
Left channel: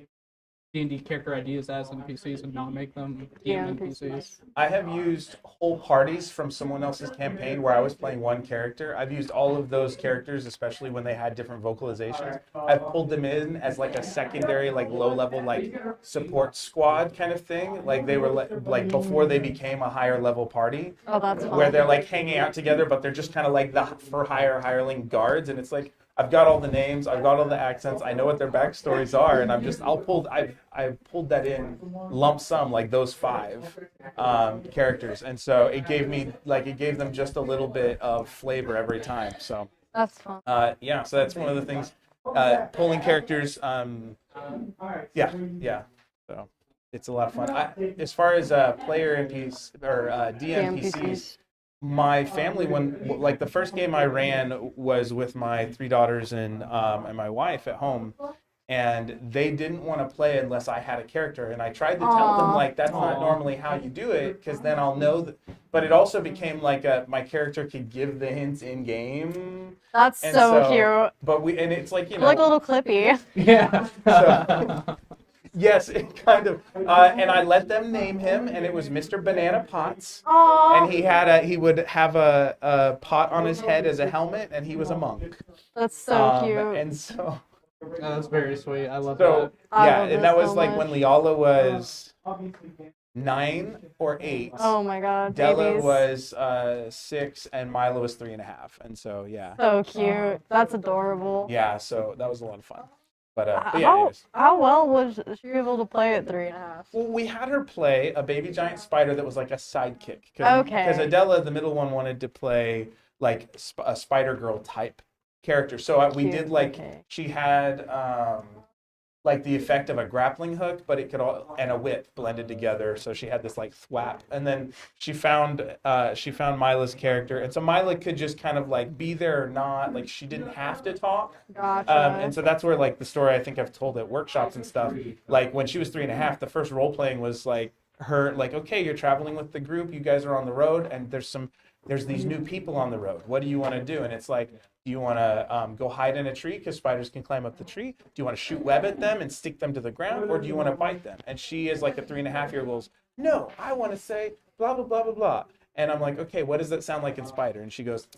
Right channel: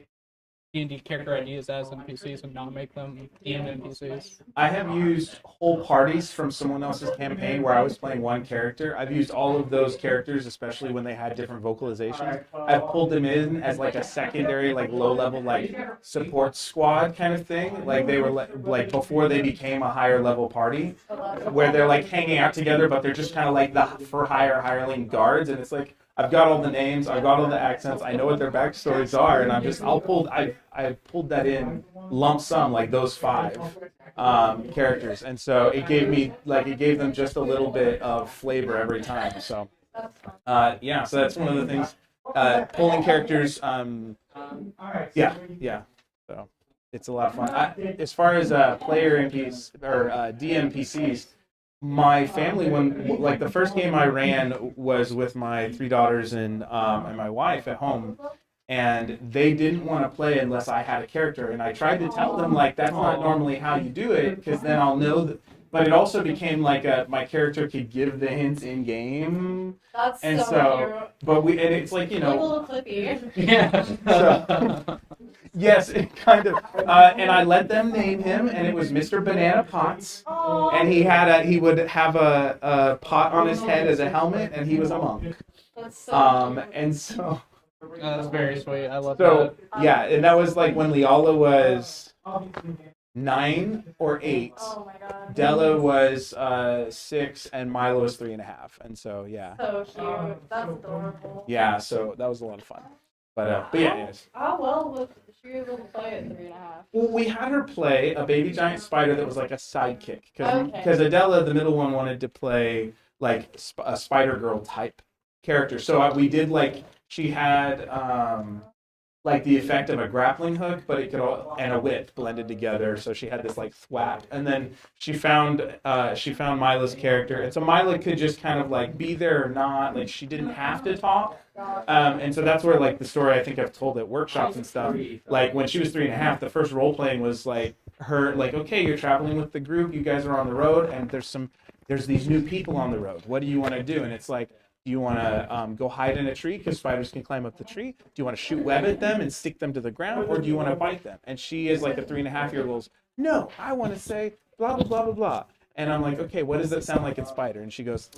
D&D character ideas as NPCs and not make them DM NPCs. I have used whole parties from someone else's campaign where I was playing one character. I've used all of those characters, especially when they had different vocalizations. I've pulled them in as like a secondary, like low-level, like support squad kind of thing. Like they were like before they became a higher level party, Oh, that's fine. where they're like hanging out together, but they're just kind of like the for hire hireling guards, and it's like I've got all the names, I've got all the accents, I know what their backstories are, and I pulled that in lump sum, like those 5 characters, and so it gave them just a little bit of flavor every time. So That's fun. yeah, so that's one of the things. Pulling characters, yeah. So it's a lot of fun. As far as player NPCs or DM PCs. My family, like the first game I ran was with my 3 daughters and my wife at home, and they didn't want to play unless I had a character. And I tried to tell them like that's not normally how you do it, because then I'll know that. But it also became like my character could give the hints in game. That's And so cute. But it's like Like a little clippy. Yeah. So, yes, it kind of. And I let them name him, and it was Mr. Banana Potts. Aww. And he would have a pot on his head as a helmet, and he was a monk. That's so cute. And so, That's very sweet. I love so that. yeah, love and this that was so like much. when Leala was 9 or 8. Oh my god. Della babies. was 6, and Milo was 3.5. And so yeah, So cute. That's adorable. yeah. So that was a lot of fun. But yeah, anyways. How well was she able to play at 3.5? Well, we had her play a baby giant spider that was like a sidekick. Okay. Because Adela, the middle one, wanted to play like a Spider Girl type character. So we did like, Okay. she had like the effect of a grappling hook, but it could and a whip blended together. So she had this like thwap. And then she found Mila's character. And so Mila could just kind of like be there or not. Like she didn't have to talk. Gotcha. And so that's where like the story I think I've told at workshops and stuff. Like when she was 3.5, the first role playing was like her like, okay, you're traveling with the group, you guys are on the road, and there's these new people on the road. What do you want to do? And it's like, do you want to go hide in a tree because spiders can climb up the tree? Do you want to shoot web at them and stick them to the ground, or do you want to bite them? And she is like a 3.5-year-old goes, no, I want to say blah blah blah blah blah. And I'm like, okay, what does that sound like in spider? And she goes.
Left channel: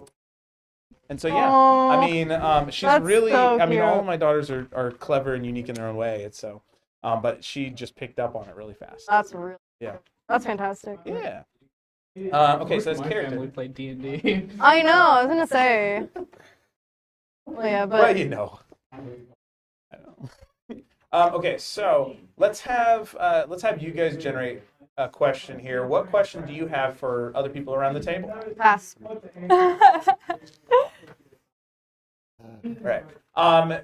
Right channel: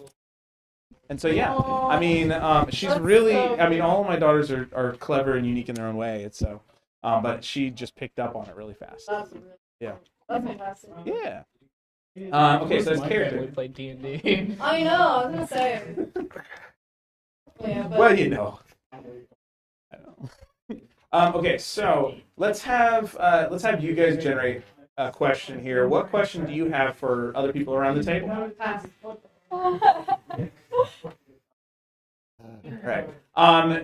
And so yeah, Aww. I mean, she's That's really. so I mean, cute. all of my daughters are clever and unique in their own way. It's so, but she just picked up on it really fast. That's real. Yeah. That's fantastic. Yeah. Okay, so that's My character. family played D&D. I know. I was gonna say. Well, yeah, but Well, you know. I don't. Okay, so let's have you guys generate a question here. What question do you have for other people around the table? All pass. right.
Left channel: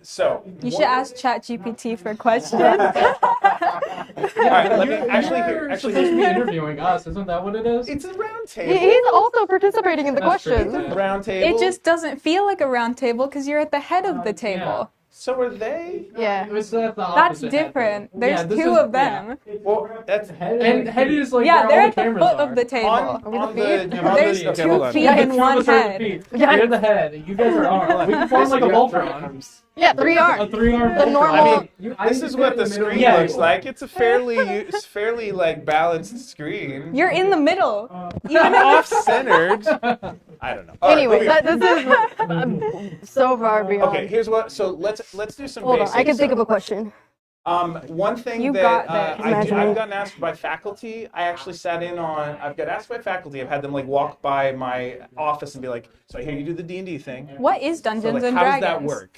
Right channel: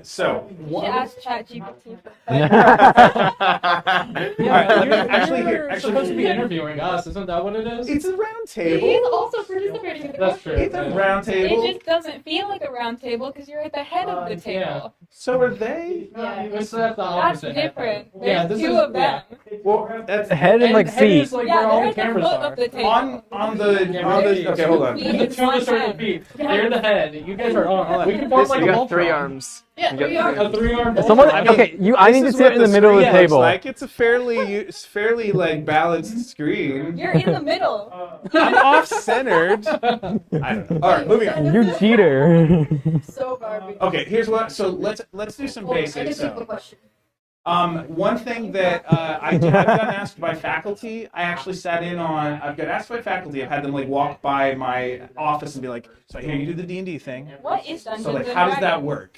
So. You should ask ChatGPT for questions. All right. Let me actually You're here. supposed to be interviewing us, isn't that what it is? It's a round He's table. also participating in the That's true. questions. It's a round table. It just doesn't feel like a round table because you're at the head of the table. yeah. So are they? Yeah. It's like the That's opposite. different. Yeah, There's this two is- of yeah. them. Well, that's Head and And like head feet. is like Yeah, where they're all at the the cameras foot are. of the table. on the There's okay. Hold on. feet Yeah, in but two of one us are the head. feet. Yeah. You're the head. You guys are on. We can form like a You got Voltron. 3 arms. Yeah, 3 A arms. 3-arm Someone, Voltron. I mean, okay, I need to This is sit what in the middle of the screen looks table. like. It's a fairly like balanced screen. You're in the middle. I'm off centered. I don't know. All right, Anyway, moving on. You this cheater. is so far beyond. Okay, here's what. So let's do some Hold on, basics. I can think of So, a question. one thing You that got I've this. gotten asked by faculty, I actually sat in on. I've got asked by faculty. I've had them like walk by my office and be like, "So I hear you do the D&D thing. What is Dungeons So like, and how Dragons? does that work?"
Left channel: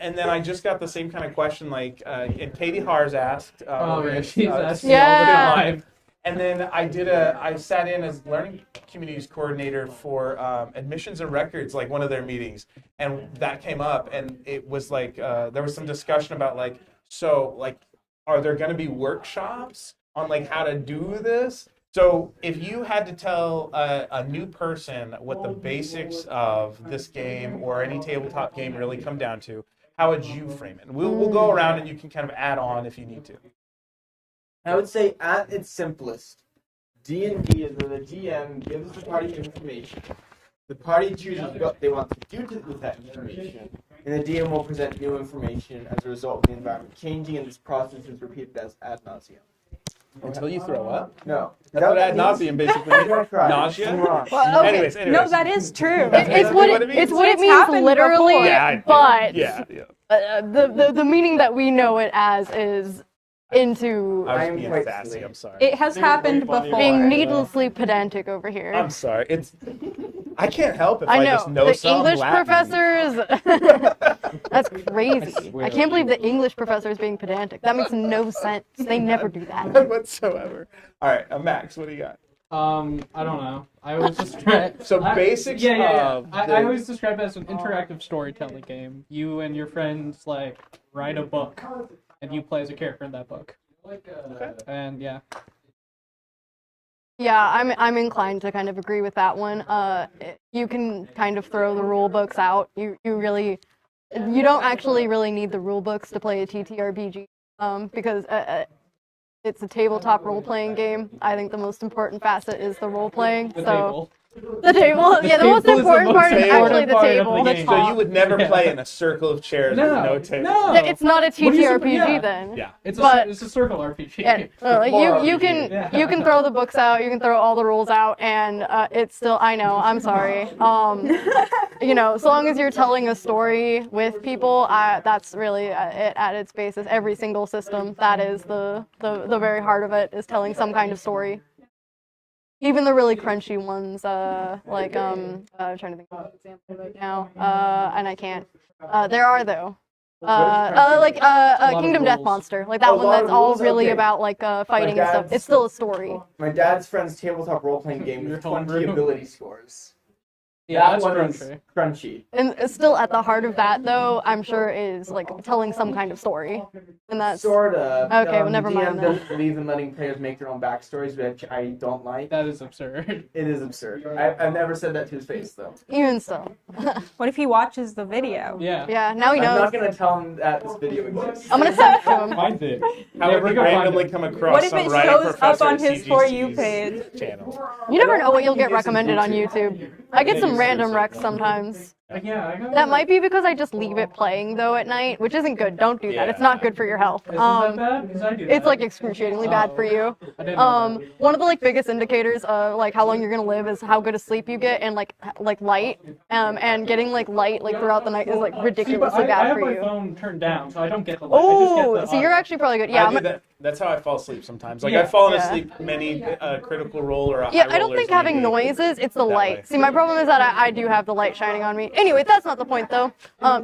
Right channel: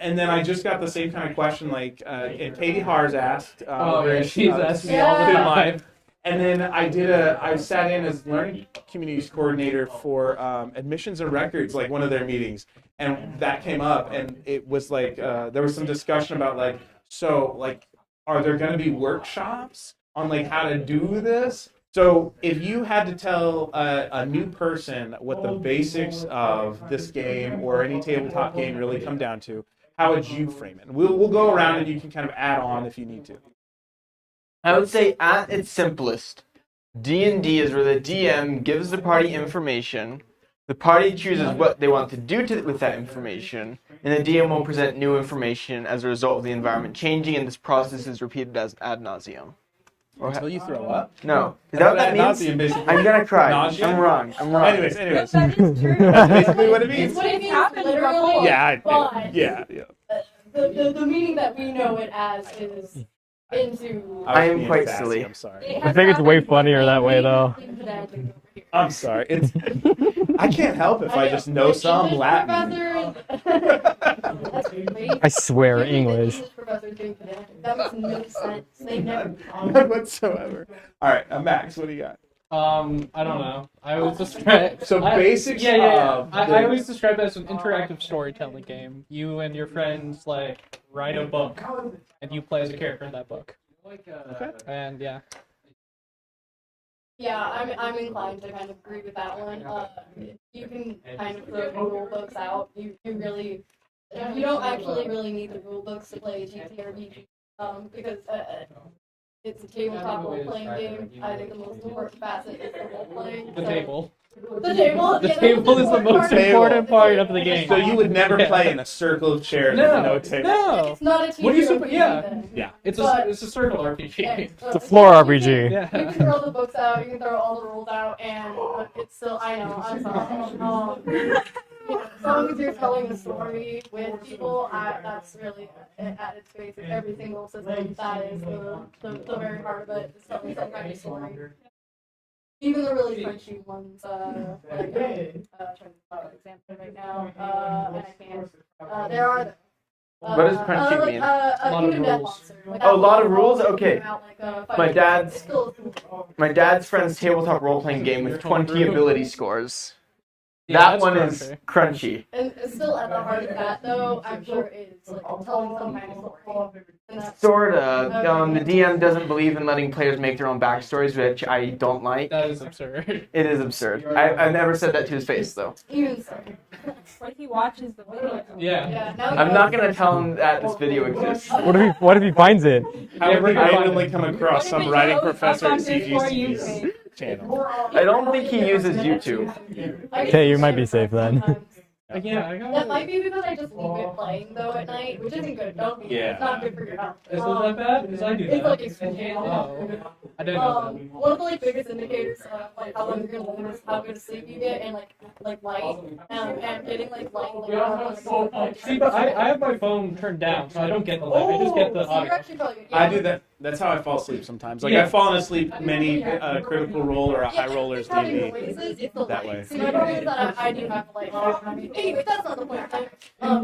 And then I just got the same kind of question like, and Katie Hars asked. Oh, over yeah, at, she's asking me all the Spin time. Live. And then I sat in as learning communities coordinator for admissions and records, like one of their meetings, and that came up, and it was like there was some discussion about like, so like, are there going to be workshops on like how to do this? So if you had to tell a new person what the basics of this game or any tabletop game really come down to, how would you frame it? We'll go around and you can kind of add on if you need to. I would say at its simplest, D&D is where the DM gives the party information, the party chooses what they want to do with that information, and the DM will present new information as a result of the environment changing, and this process is repeated as ad nauseum. Until you throw up? No. Is That's what that ad means? nauseum basically. I'm gonna cry. Nausea? I'm wrong. Anyways. No, that is true. That's basically what it means. It's what it It's means happened literally. before. Yeah, but yeah. the meaning that we know it as is into I was am being quite sassy, silly. I'm sorry. It I has think it's way happened funnier before. that being way, though. needlessly pedantic over here. I'm sorry. I can't help if I just know the some English Latin. professors. That's crazy. I swear, I can't believe the English. English professor is being pedantic. That makes no sense. They never do that. None whatsoever. All right, Max, what do you got? I don't know. I always describe. So basics Yeah. of I the- always describe it as an interactive storytelling game. You and your friends like write a book, and you play as a character in that book. Okay. And yeah. Yeah, I'm inclined to kind of agree with that one. You can kind of throw the rule books out. You don't actually really need the rule books to play a TTRPG, because it's a tabletop role-playing game. I think the most important facet is the role-playing. The so, table. The table. The Yeah, the most table is the important most part is important actually the part table. of the game. So you would never Yeah. play in a circle of chairs with no table. No. It's not a What do you TTRPG yeah. then. Yeah. It's But- a circle RPG. Yeah, like, floor you RPG. can, Yeah. you can throw the books out, you can throw all the rules out, and it's still, I know, I'm sorry. So long as you're telling a story with people, that's really it at its basis. Every single system, that is the very heart of it, is telling some kind of story. Even the really crunchy ones, I'm trying to think of an example right now, and I can't. There are though. What does crunchy mean? lot of Kingdom Death rules. Monster, like that A one lot that's of all rules? really Okay. about like fighting and dad's- stuff. It's still a story. My dad's friend's tabletop role-playing game with Your 20 homebrew. ability scores. Yeah, That that's one crunchy. is crunchy. And still at the heart of that though, I'm sure is like telling some kind of story. And that's Sorta. Okay, well, The never DM mind then. doesn't believe in letting players make their own backstories, which I don't like. That is absurd. It is absurd. I've never said that to his face, though. even so. What if he watches the video? Yeah. Yeah, now you I'm know. not gonna tell him that this video exists. I'm gonna What say if, what if he finds it? How Yeah, would we're we gonna find randomly it. come What across if some it writing shows professor up at on his For You CGC's page? channel? you never don't know what think you'll he get uses recommended on YouTube. YouTube. I get Yeah, some you might be random safe recs then. sometimes. Yeah, I got That might be because I just leave it playing though at night, which isn't good. Don't do that. It's Yeah. not good for your health. Isn't that bad? Because I do that. It's like excruciatingly bad for you. I didn't know that. One of the like biggest indicators of like how long you're gonna live is how good a sleep you get and like light. And getting like light like throughout the night is like See, ridiculously but I bad have for my you. phone turned down, so I don't get the light. I just get Oh, the so you're audio. actually probably good. Yeah, I do but- that. That's how I fall asleep sometimes. Like Yeah. I've fallen Yeah. asleep many critical role or a high Yeah, I don't rollers think having DD. noises, it's the that light. way. See, my problem is that I do have the light shining on me. Anyway, that's not the point though.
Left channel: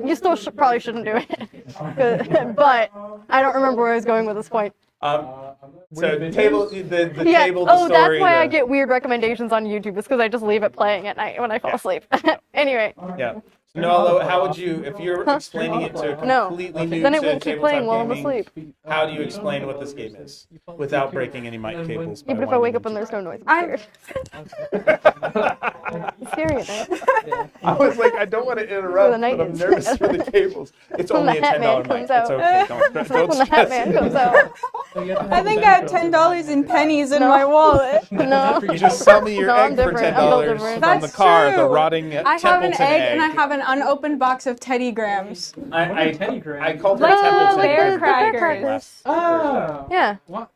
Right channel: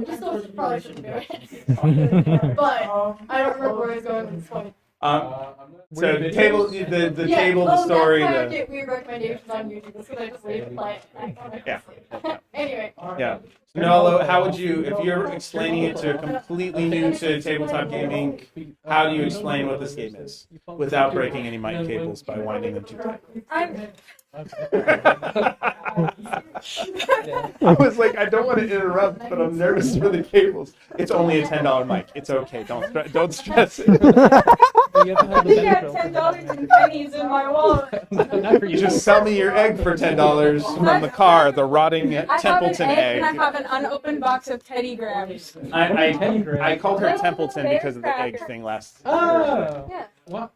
You still probably shouldn't do it. But I don't remember where I was going with this point. So videos? table the Yeah. table the story. That's why I the- get weird recommendations on YouTube. It's because I just leave it playing at night when I fall Yeah. asleep. Anyway, Yeah. So Noah, how would you, if you're explaining it to a No. completely new then it to will keep tabletop playing while I'm gaming, asleep. how do you explain what this game is without breaking any mic cables by Even if I wake winding up and them there's no noise. I Scary at night. Yeah. I was like, I don't want to interrupt, The night but I'm is- nervous for the cables. It's when only a the $10 Hat Man mic. comes It's out. okay. Don't When the stress Hat Man it. comes out. You have to I have think I have the $10 in pennies in my wallet. No. You just sell me your No, egg I'm for different. $10 I'm from different. the That's car, the true. rotting I have an Templeton egg and I egg. have an unopened box of Teddy Grahams. I Teddy Graham? I called her No, Templeton like because of the egg firecrackers. thing last. Oh. Yeah. What?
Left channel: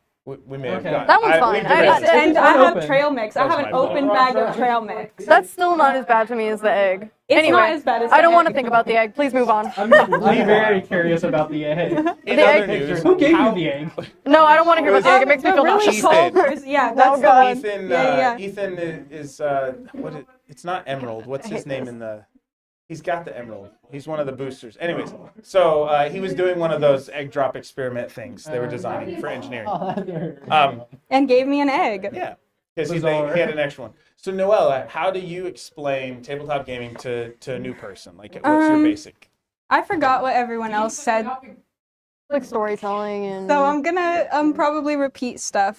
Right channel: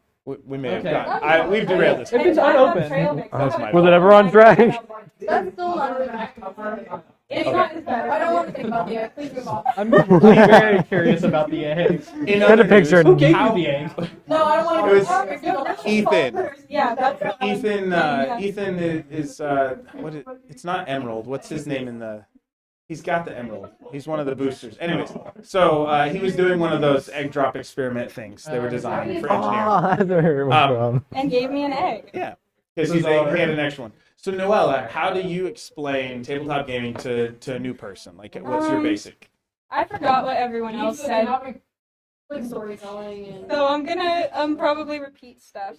We may have Okay. got. That one's fine. We've I derailed got this. it. And it's I have unopened. trail mix. I That was have my an fault. Was it open ever on bag of track? trail mix. That's still not as bad to me as the egg. It's Anyway, not as bad as I don't the want to egg. think about the egg. Please move on. I'm very curious about the egg. In The other egg news, picture. Who gave how- you the egg? No, I don't want to It hear was- about the egg. It makes me feel Really nauseous. Ethan. solvers. Yeah, that's God. Ethan, Yeah. Ethan is what? It's not Emerald. What's his name in the? He's got the Emerald. He's one of the boosters. Anyways, so he was doing one of those egg drop experiment things they were designing for engineering. Oh, that's where it was from. and gave me an egg. Yeah, because he Bizarre. had an extra one. So Noella, how do you explain tabletop gaming to a new person? Like, what's your basic? I forgot what everyone else said, Like storytelling and. so I'm gonna probably repeat stuff.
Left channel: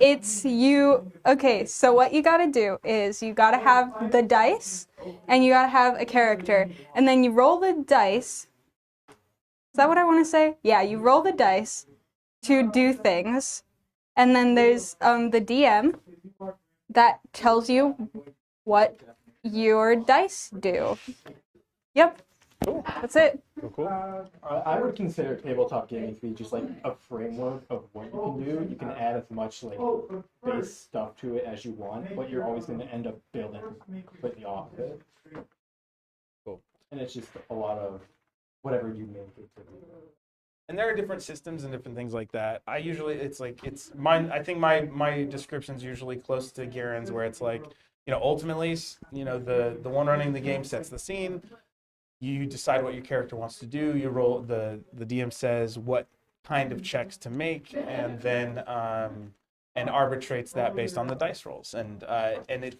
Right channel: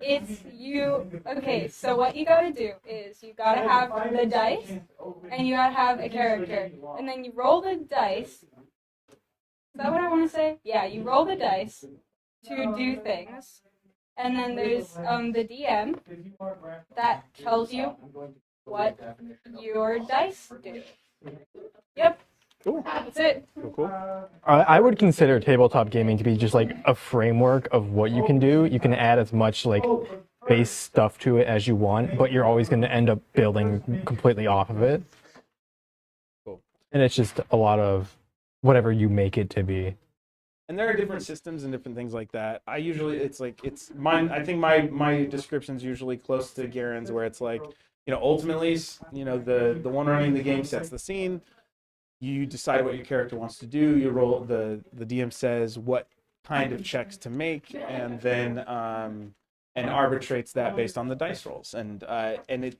It's you. Okay, so what you gotta do is you gotta have the dice, and you gotta have a character, and then you roll the dice. Is that what I want to say? Yeah, you roll the dice to do things, and then there's the DM that tells you what your dice do. Yep. Cool. That's it. Cool. I would consider tabletop gaming to be just like a framework of what you can do. You can add as much like base stuff to it as you want, but you're always going to end up building completely off of it. Cool. And it's just a lot of whatever you make it to be. And there are different systems and different things like that. I think my description's usually close to Garen's, where it's like, ultimately, the one running the game sets the scene. You decide what your character wants to do. You roll, the DM says what kind of checks to make, and then and arbitrates that based on the dice rolls. And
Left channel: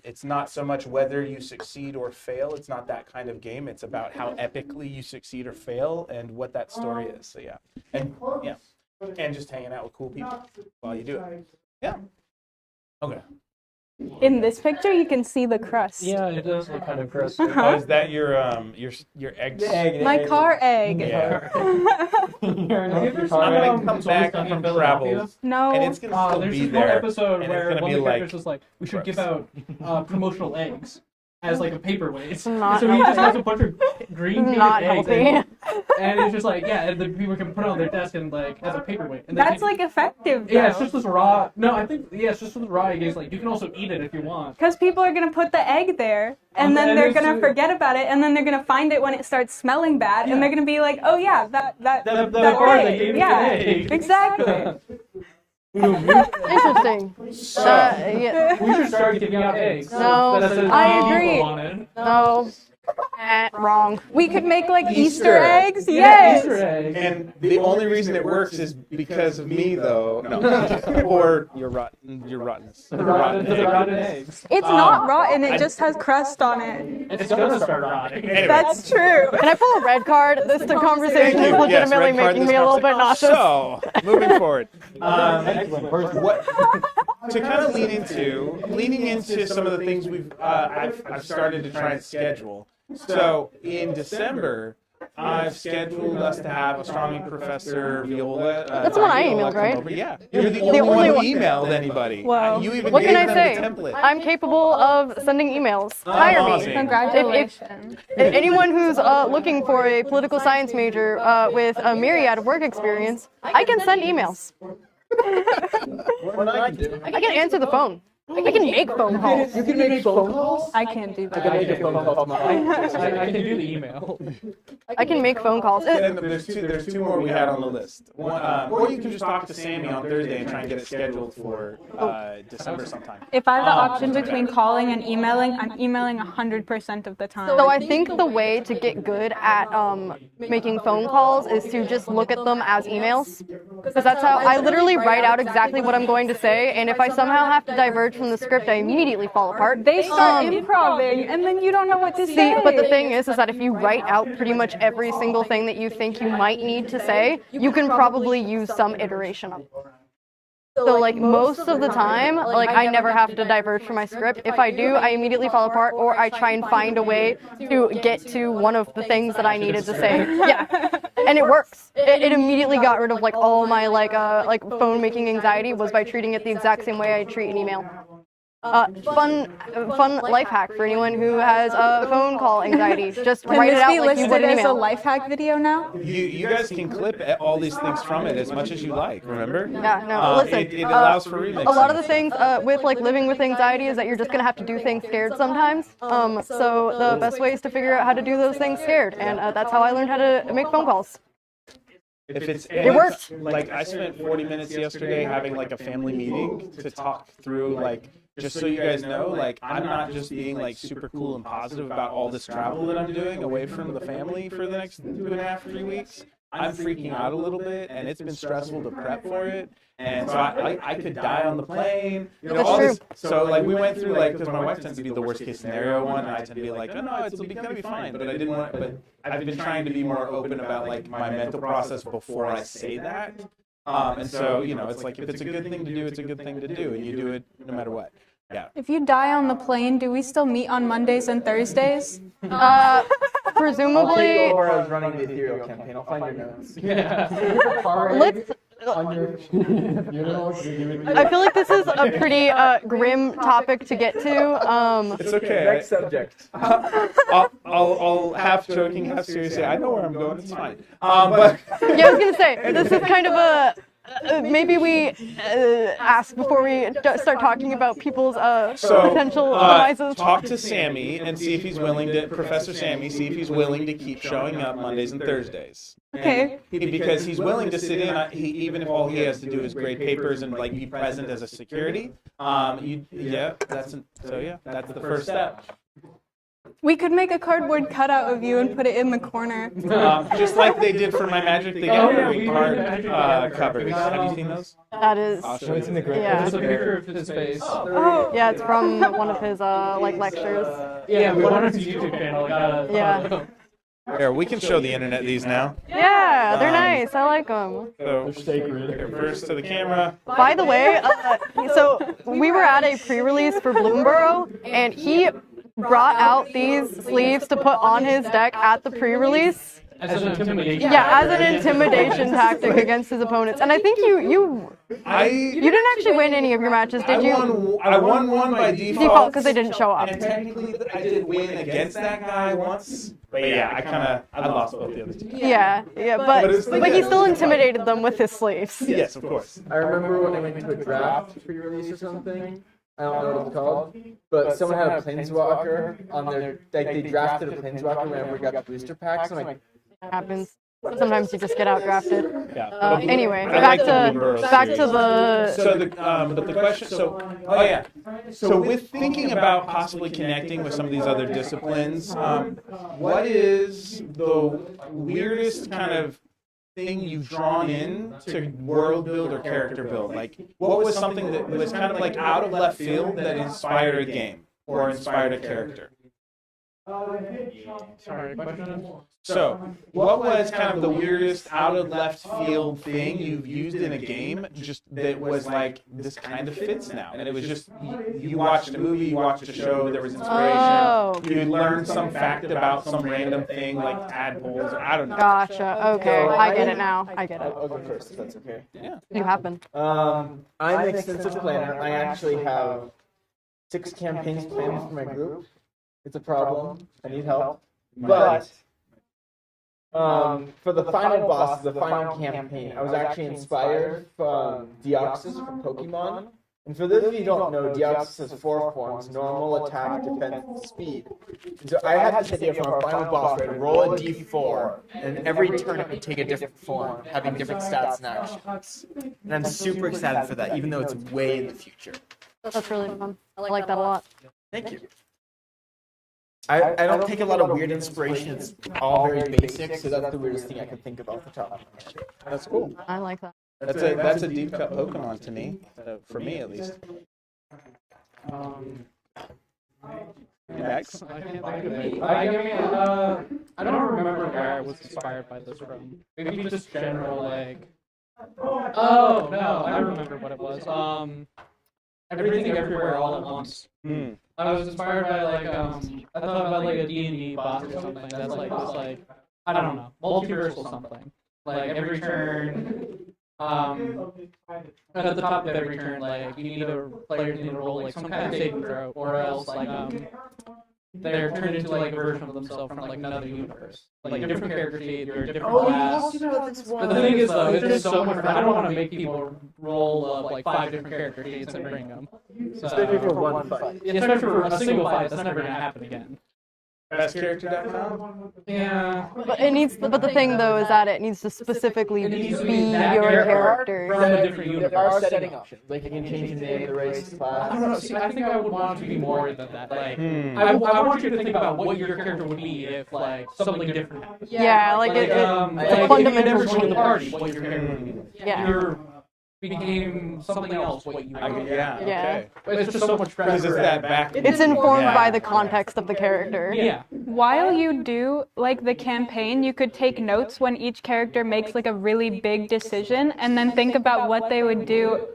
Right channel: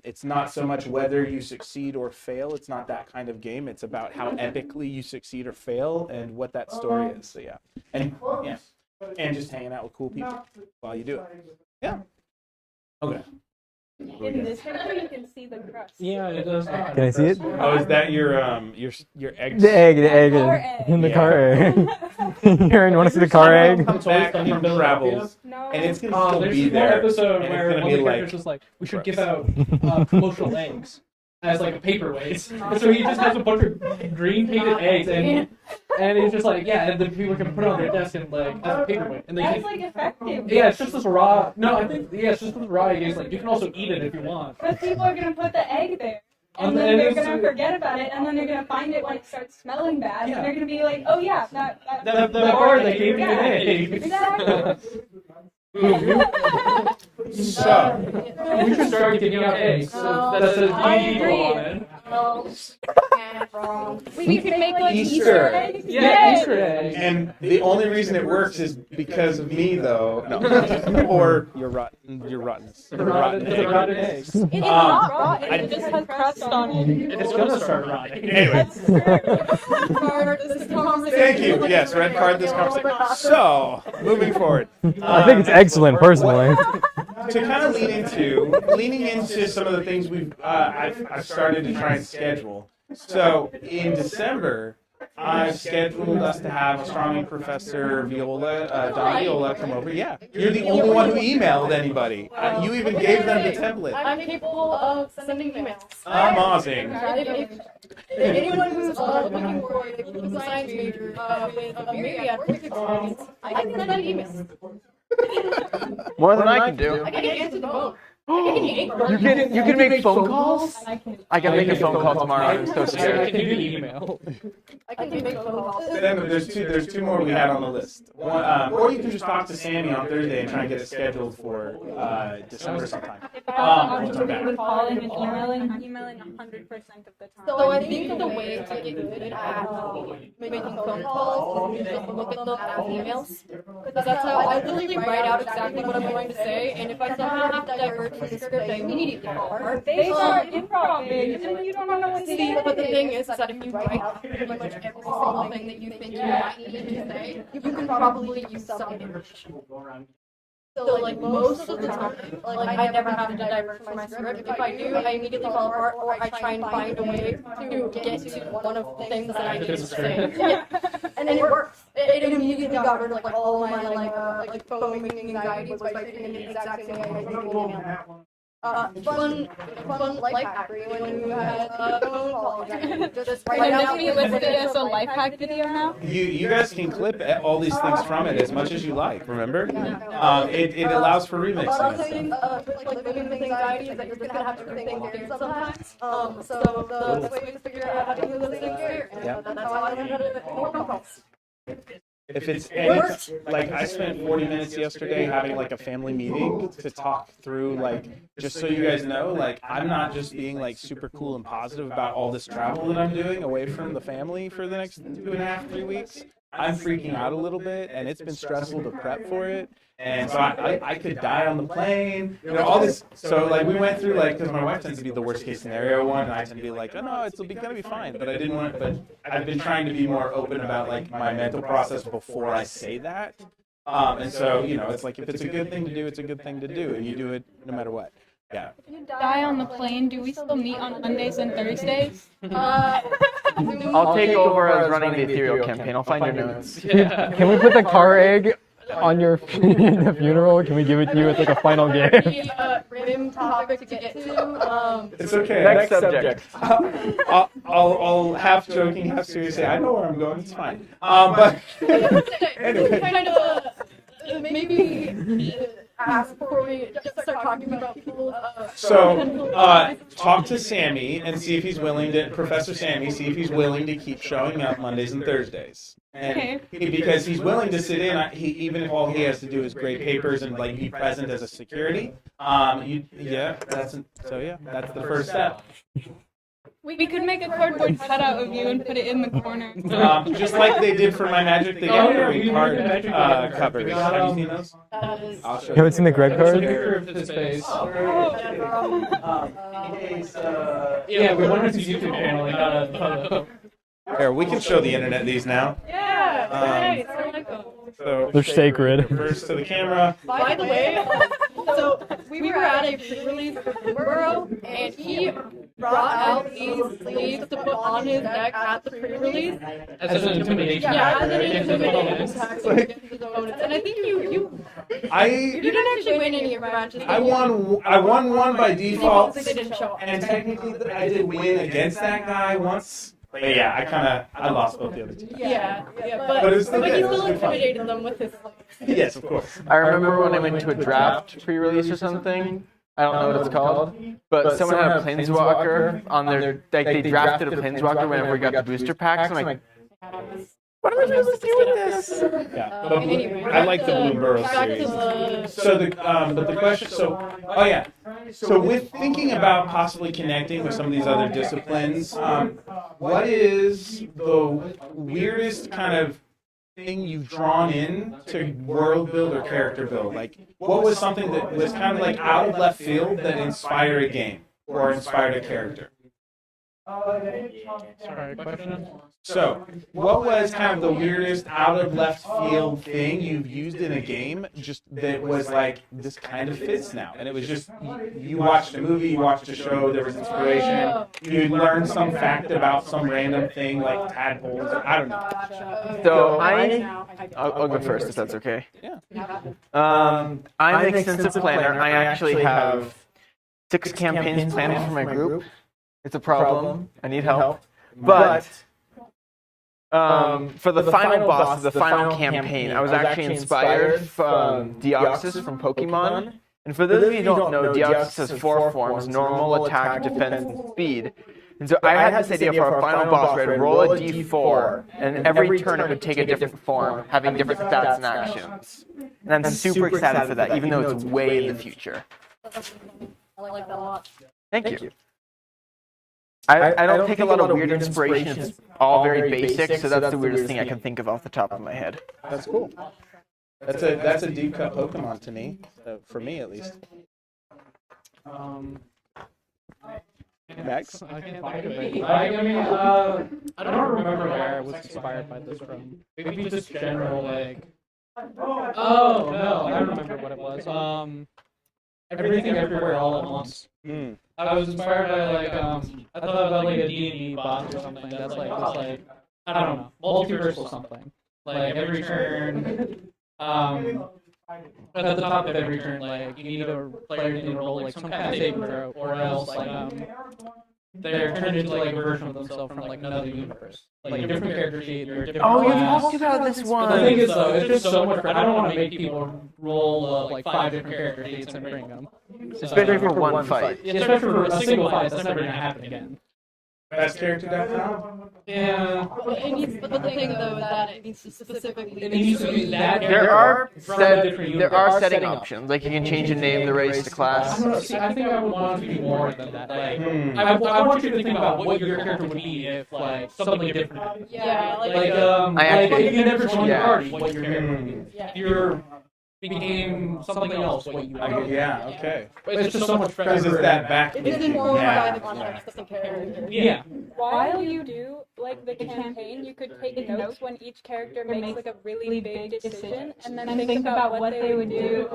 it's not so much whether you succeed or fail. It's not that kind of game. It's about how epically you succeed or fail and what that story is. So yeah, and just hanging out with cool people while you do it. Yeah. Okay. In this picture, you can see the crust. Yeah, it does. Look Can I see it? Oh, is that your egg? The egg, the My egg. car egg. The Yeah. car egg. Aaron, you want to see the car I'm egg? gonna come back from travels, No. and it's gonna still There's be this one there. episode and where it's gonna one be of the like, characters was like, we should give gross. out promotional eggs as like a paperweight. Not So he just healthy. has a bunch of green painted Not eggs, healthy. and it's just like, yeah, and the people can put it on their desk and like as a paperweight. And they That's can- like effective. yeah, it's just this raw. No, I think it's just this raw egg. It's like you can also eat it if you want. Because people are gonna put the egg there, and then And they're it's- gonna forget about it, and then they're gonna find it when it starts smelling bad, Yeah. and they're gonna be like, oh yeah, that That that bar egg. that gave me yeah, an egg. Exactly. Interesting. So- Yeah. We should start giving out eggs. No, That says I D&D agree. on it. No. Wrong. We could make like Easter. Easter eggs. Yeah, Yes. Easter egg. And the only reason it works is because of me, though. No, or your rottenness. The rotten It's a egg. rotten egg. It's not rotten. It just has crust on it. It's gonna start rotting. Anyway, That's true. Can I pull a red card? This the conversation thank you. is Yes, legitimately red card making this me a little bit conversation. nauseous. So, moving forward. I think it's excellent, personally. To kind of leaning into some of the things I've started to try and schedule. So in December, I've scheduled us to have astronomy professor Viola. That's what I Viola emailed, come right? over. Yeah, you're the only one who emailed anybody. Well, You even What gave can I them say? the template. I'm capable of sending emails. Hire me. Amazing. Congratulations. Anyone who's looking for a political science major with a myriad of work experience, I can send emails. More than I can do. I can answer the phone. I can make phone calls. You can make phone calls? I can't do I that. can make a phone call tomorrow. I'm so I scared. can do the email. I can make phone calls. Then there's two more we had on the list. One, or you can just talk to Sammy on Thursday and try and get it scheduled for December sometime. If I have the option between calling and emailing, I'm emailing 100% of the time. So I think the way to get good at making phone calls is to just look at them as emails. Because that's how I literally write out exactly what I'm going to say, and if I somehow have to diverge from the script, I immediately fall apart. They start improving, and then you don't know what to See, say. but the thing is that if you write out pretty much every single thing that you think you might need to say, you can probably use some iteration of it. So like most of the time, like I never have to diverge from my script. If I do, I immediately fall apart, or I try and find a way to get to one of the things that I needed to say. Yeah, and it works. It immediately got rid of like all my like phone making anxiety was by treating it the exact same way I treat an email. Fun life hack for anyone who has phone call anxiety. Just Can write it this out be like you listed would an as a email. life hack video now? You guys can clip all these things from it as much as you like. Remember? Yeah, no. Listen, It allows for remixing. a lot of the things with like living with anxiety is that you're just gonna have to do things scared sometimes. So the best way is to figure out how to do those things scared, and that's how I learned how to make phone calls. If it's worked. like I spent 40 minutes yesterday having like a family meeting to talk through like, just so you guys know, like I'm not just being like super cool and positive about all this travel that I'm doing away from the family for the next 2.5, 3 weeks. I'm freaking out a little bit, and it's been stressful to prep for it. And so I could die on the plane, all this. So like we went through like, because my wife tends to be the worst case scenario one, and I tend to be like, oh no, gonna be fine. But I didn't want. But I've been trying to be more open about like my mental process before I say that. And so, it's like if it's a good thing to do, it's a good thing to do, and you do it no matter what. Yeah. If you die on the plane, do we still meet on Mondays and Thursdays? Presumably. I'll take over as running the ethereal campaign. I'll find your notes. Yeah. Can we put the car egg on your funeral? Can we give it to you I as feel like like a final this is a gift? pretty grim topic to get to. It's okay. Next subject. I'll half joking, half serious say, I know where I'm going. It's fine. But Yeah, I was gonna say this is kind of a. Maybe we ask before we start talking about people's so potential devices. talk to Sammy and see if he's willing to, Professor Sammy, see if he's willing to keep showing up Mondays and Thursdays. Okay. Because he's willing to sit in, even if all he has to do is grade papers and like be present as a security. That's the first step. We could make a cardboard cutout of you and put it in the corner. Just like they did for my Magic the Gathering card covers. Have you seen those? That is. I'll show No, you. it's in the grid Yeah. It's a code. picture of his face. Yeah, it's from one of his lectures. Yeah, we wanted his YouTube channel. We got a Yeah. photo. Here, we can show the internet these now. Yeah, they're nice. I like them. So They're sacred. first to the camera. By the way, so we were at a pre-release for Bloomborough, and he brought out these sleeves to put on his deck at the pre-release. As an intimidation. Yeah, as tactic an against his intimidation opponents. tactic against his opponents. And I think you I didn't actually win any of your matches, did I you? won one by default because they didn't show up. and technically I did win against that guy once. But yeah, I lost both the other two times. Yeah, But but it's still but good. he It still was good fun. intimidated them with his sleeves. Yes, of course. I remember when I went to a draft pre-release or something. I don't know what it's called, but someone had a planeswalker on their. They drafted a planeswalker whenever we got the booster packs. I'm like, Happens. Sometimes you just get outdrafted. Yeah. Anyway, I like the back Bloomborough back series. to the. So but the question, so with thinking about possibly connecting with some of these other disciplines, what is the weirdest kind of thing you've drawn in to world build or character build? Like, what was something that was kind of like out of left field that inspired a game or inspired a character? Sorry, question? So, what was kind of the weirdest out of left field thing you've used in a game just that was like, this kind of fits now? And it was just, you watched a movie, you watched a show, there was inspiration, Oh. you learned some fact about some random thing like tadpoles, or I don't know. Gotcha. Okay, So I get I- it now. I get it. I'll go first if that's okay. You happen. I'm an extensive planner. I actually have 6 campaigns planned for my group. It's a problem. I need help. But for the final boss, the final campaign, I was actually inspired from Deoxys from Pokemon. And for those of you who don't know, Deoxys has 4 forms: normal, attack, defense, and speed. And so I had this idea for our final boss where I'd roll a d4, and every turn it would take a different form, having different stats and actions. And I'm super excited for that, even though it's way in the future. That's really fun. I like that a lot. Thank you. I don't take a lot of weird inspiration. It's all very basic, so that's the weirdest thing I can think of off the top of my head. That's cool. I like that. That's a deep cut Pokemon to me, for me at least. Max? I can't think of it. I don't remember where I was inspired by this from. Maybe just general, like... Oh, no, I remember what it was. Everything Everywhere All at Once. Hmm. I was inspired by, like, I thought about, like, a D&D boss or something that's, like, this, like, I don't know, multiversal something. Like, every turn, at the top of every turn, like, players need to roll, like, some kind of saving throw, or else, like, they're turned into, like, a version of themselves from, like, another universe. Like, different character sheet, or different class. about this The thing is, though, it's just so much. I don't want to make people roll up like 5 different character sheets and bring them. Especially for one fight. Especially for a single fight, that's never gonna happen again. Bestcharacter.com? Yeah. But the thing though is that it needs to specifically It needs to be be that your character. character. From a different There are universe. setting options, like you can change the name, the race, the I class. don't know. See, I think I would want it to be more than that. Like, Hmm. I want you to think about what your character would be if like something different happened. Yeah, like Like, it- like if you never joined the Yeah. party, what your character would be. Yeah. Your became something else. What you were. Yeah. Yeah. Okay. It's just so much Because fresher. it's that back. It's informed Yeah. by the context of the character. Yeah. While you do like the campaign, you could take notes when each character makes like a really big decision, and then think about what they would do,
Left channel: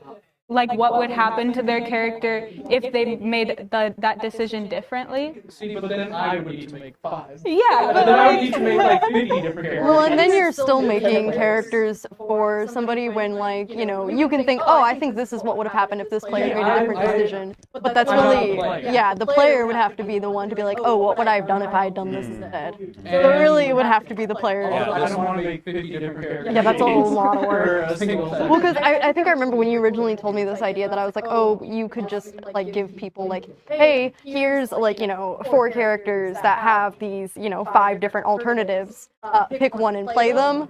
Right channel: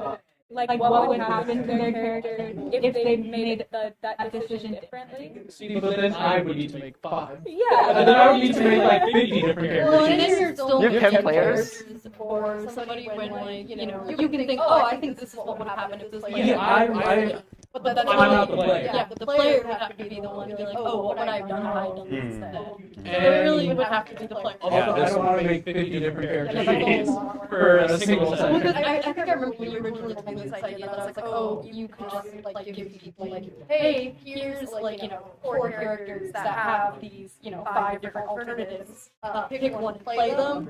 like what would happen to their character if they made that decision differently. See, but then I would need to make 5. Yeah. And then I would need to make like 50 different characters. Well, and then you're still You can making play characters for somebody when, like, you know, you can think, oh, I think this is what would have happened if this player made a different decision. But that's I'm not really, the player. yeah, the player would have to be the one to be like, oh, what would I have done if I had done this instead? But And really, it would have to be the player. Also, Yeah, I this- don't want to make 50 different characters. Yeah, that's a whole lot of For work. a single Well, session. because I think I remember when you originally told me this idea that I was like, oh, you could just like give people like, hey, here's like, you know, 4 characters that have these, you know, 5 different alternatives. Pick one and play them.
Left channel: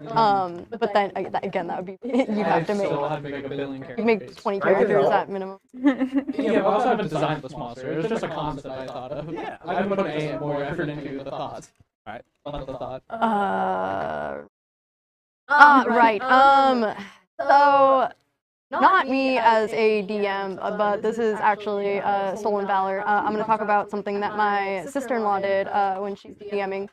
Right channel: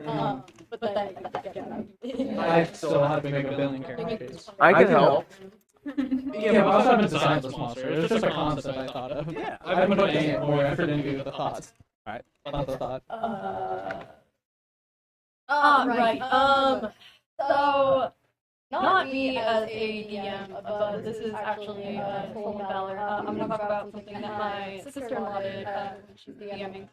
But then again, that would be you I have to make still have to make a billion you characters. make 20 I could characters help. at minimum. Yeah, but I also haven't designed this monster. It was just a concept I thought of. Yeah. I haven't put any more effort into the thought. Alright. Not the thought. Right. So not me as a DM, but this is actually Stolen Valor. I'm going to talk about something that my sister-in-law did when she's DMing.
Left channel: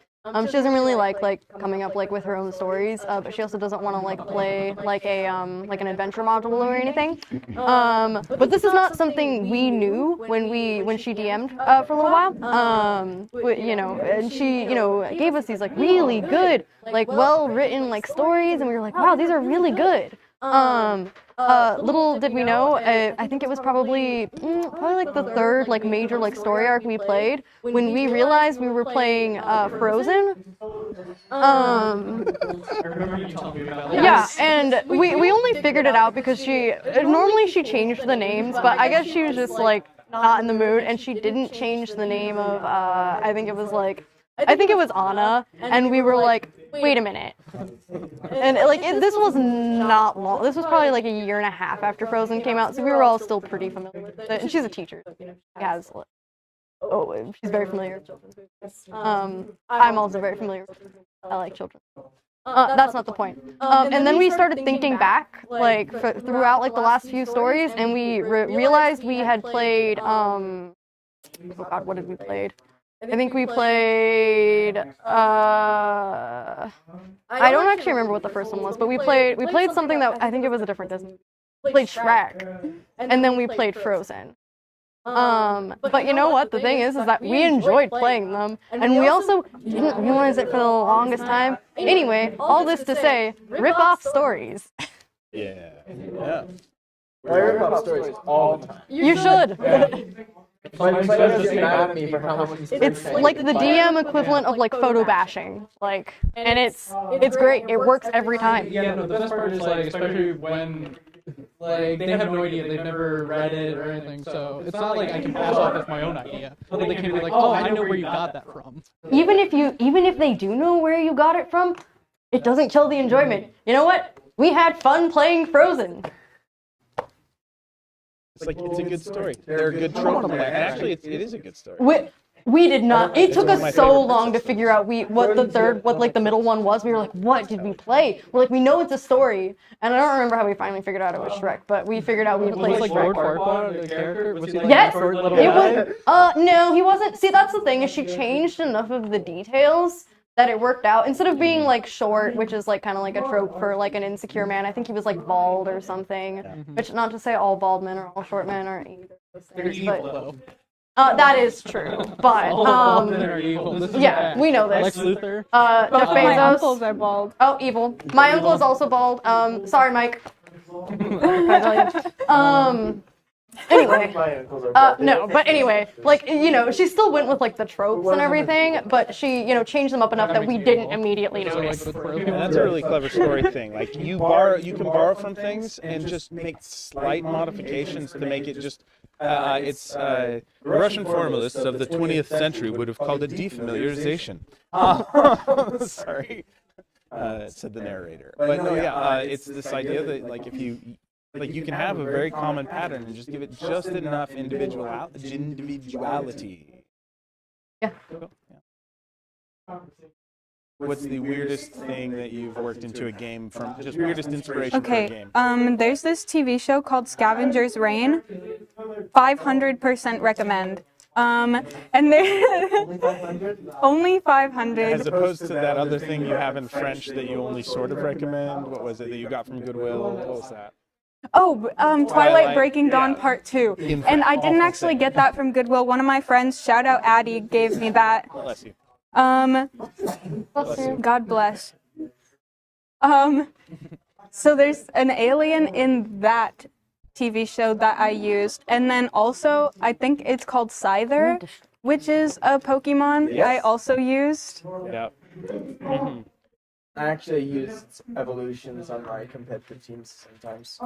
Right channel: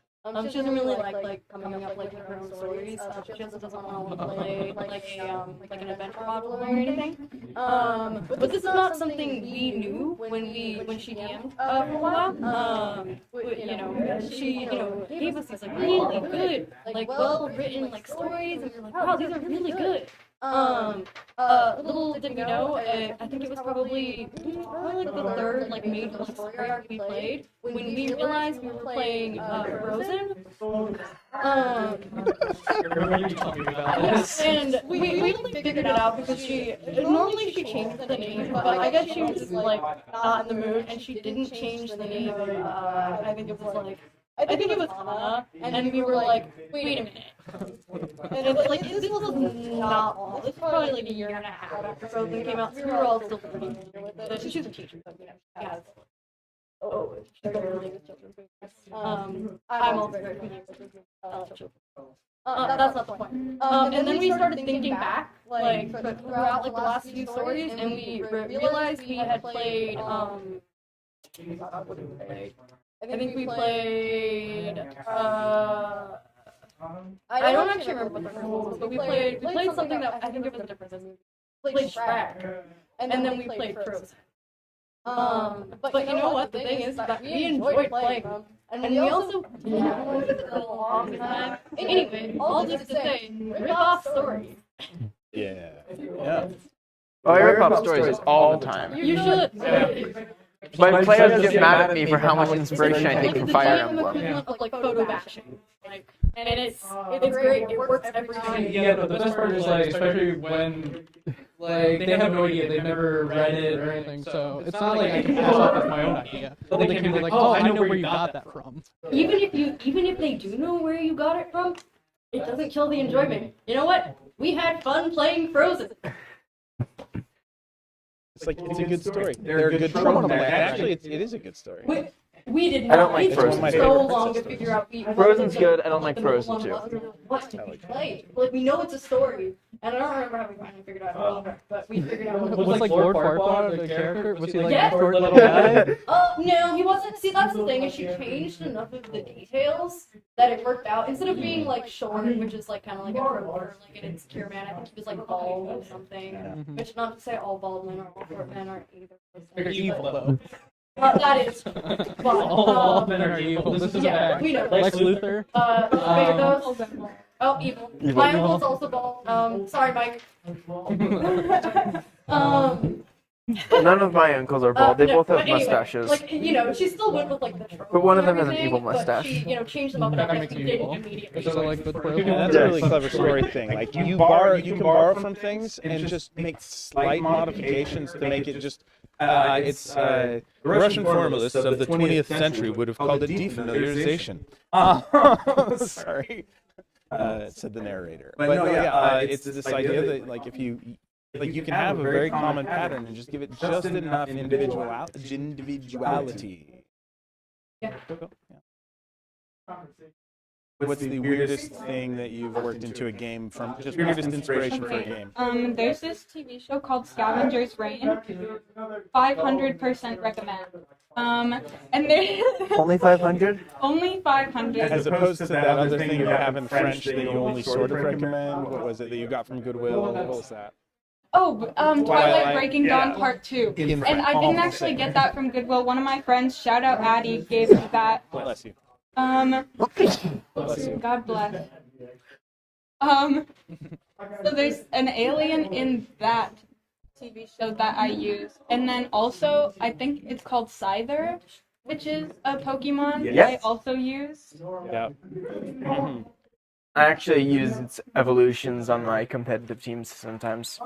She doesn't really like coming up like with her own stories, but she also doesn't want to like play like a like an adventure module or anything. But this is not something we knew when she DM'd for a little while. You know, and she gave us these like really good like well written like stories, and we were like, wow, these are really good. Little did we know, I think it was probably like the 3rd like major like story arc we played when we realized we were playing Frozen. I remember you telling me about Yeah, this. and we only figured it out because normally she changed the names, but I guess she was just like not in the mood, and she didn't change the name of I think it was Anna, and we were like, wait a minute. And this was not long. This was probably like a year and a half after Frozen came out, so we were all still pretty familiar with it. And she's a teacher, so, you know, she has she's very familiar with children's movies. I'm also very familiar with I like children. That's not the point. And then we started thinking back, like throughout like the last few stories, and we realized we had played. Oh God, what did we played? I think we played. I don't actually remember what the first one was, but we played something that I think it was a different Disney. We played Shrek, and then we played Frozen. But you know what? The thing is that we enjoyed playing them, and we also didn't realize it for the longest time. Anyway, all this to say, rip off stories. Yeah. Yeah. I rip off stories all the time. You should. My players get mad at me for how much inspiration I It's take like from the Fire DM Emblem. equivalent of like photo bashing, like, and it's great. It works every time. Yeah, no, the best part is like, especially when like they have no idea, they've never read it or anything, so it's not like I can pass off as my own idea. But they can be like, oh, I know where you got that from. Even if they do know where you got it from, it doesn't kill the enjoyment. You know what? We had fun playing Frozen. It's like it's a good story. They're a good trope. Actually, it is a good story. We did not. It took It's one of my us so favorite long to princess figure out what Frozen's the good. third, I don't what like like the middle Frozen one was. too. We were like, what did we play? We're like, we know it's a story, and I don't remember how we finally figured out it was Shrek, but we figured out we Was played. like Lord Farquaad the character? Was he like Yes! a short little guy? No, he wasn't. See, that's the thing is she changed enough of the details that it worked out. Instead of being like short, which is like kind of like a trope for like an insecure man, I think he was like bald or something. Which not to say all bald men or all short men are either. You're evil though. That is true, but All bald men are evil. This is a yeah, fact. we know this. Lex Luthor. Jeff My uncles Bezos. are bald. Oh, evil. My uncle is also bald. Sorry, Mike. None of my uncles are bald. They No, both but have anyway, mustaches. like, she still went with like the tropes one and of them has an everything, evil but mustache. she, changed them up enough that we makes you didn't evil. immediately So like notice. with Frozen. Yeah, that's a really clever story thing. Like you can borrow from things and just make slight modifications to make it just. Russian formalists of the 20th century would have called it defamiliarization. Sorry, said the narrator. But no, yeah, it's this idea that like if you. Like you can have a very common pattern and just give it just enough individuality. Yeah. What's the weirdest thing that you've worked into a game from? Just weirdest inspiration for a Okay, game. there's this TV show called Scavenger's Reign. 500% recommend. And Only 500? only 500. As opposed to that other thing you have in French that you only sort of recommend. What was it that you got from Goodwill? What was that? Oh, Twilight Twilight, Breaking Dawn yeah. Part 2. In And I didn't awful actually thing. get that from Goodwill. One of my friends, shout out Addie, gave me that. Bless you. Bless you. God bless. So there's an alien in that TV show that I used. And then also, I think it's called Scyther, which is a Pokemon Yes. I also used. Yeah. I actually use its evolutions on my competitive teams sometimes.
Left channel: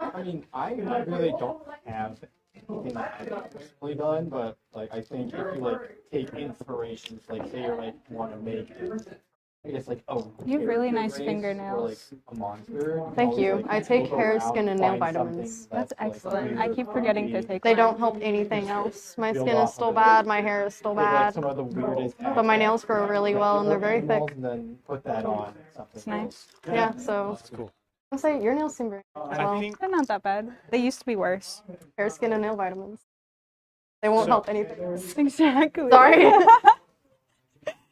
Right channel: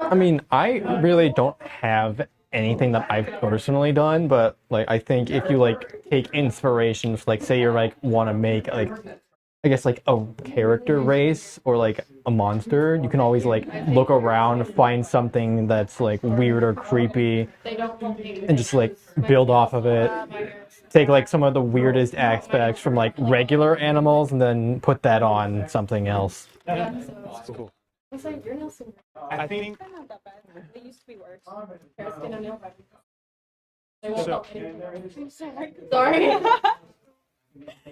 I mean, I really don't have anything that I've personally done, but like I think if you like take inspirations, like say you're like want to make like I guess like a character nice race or fingernails. like a monster, you can Thank always you. like I take look hair, around, skin, and find nail something vitamins. that's like weird or I keep forgetting to creepy, take They don't help anything just, like, else. My build skin off is of still it. bad. My hair is still take bad. like some of the weirdest my nails aspects from grow like really well, regular and they're very animals thick. and then put that on something else. Yeah, so That's cool. I'm saying your nails seem very I think They're not that bad. They used to be worse. hair, skin, and nail vitamins. They won't So- help anything. Exactly. Sorry.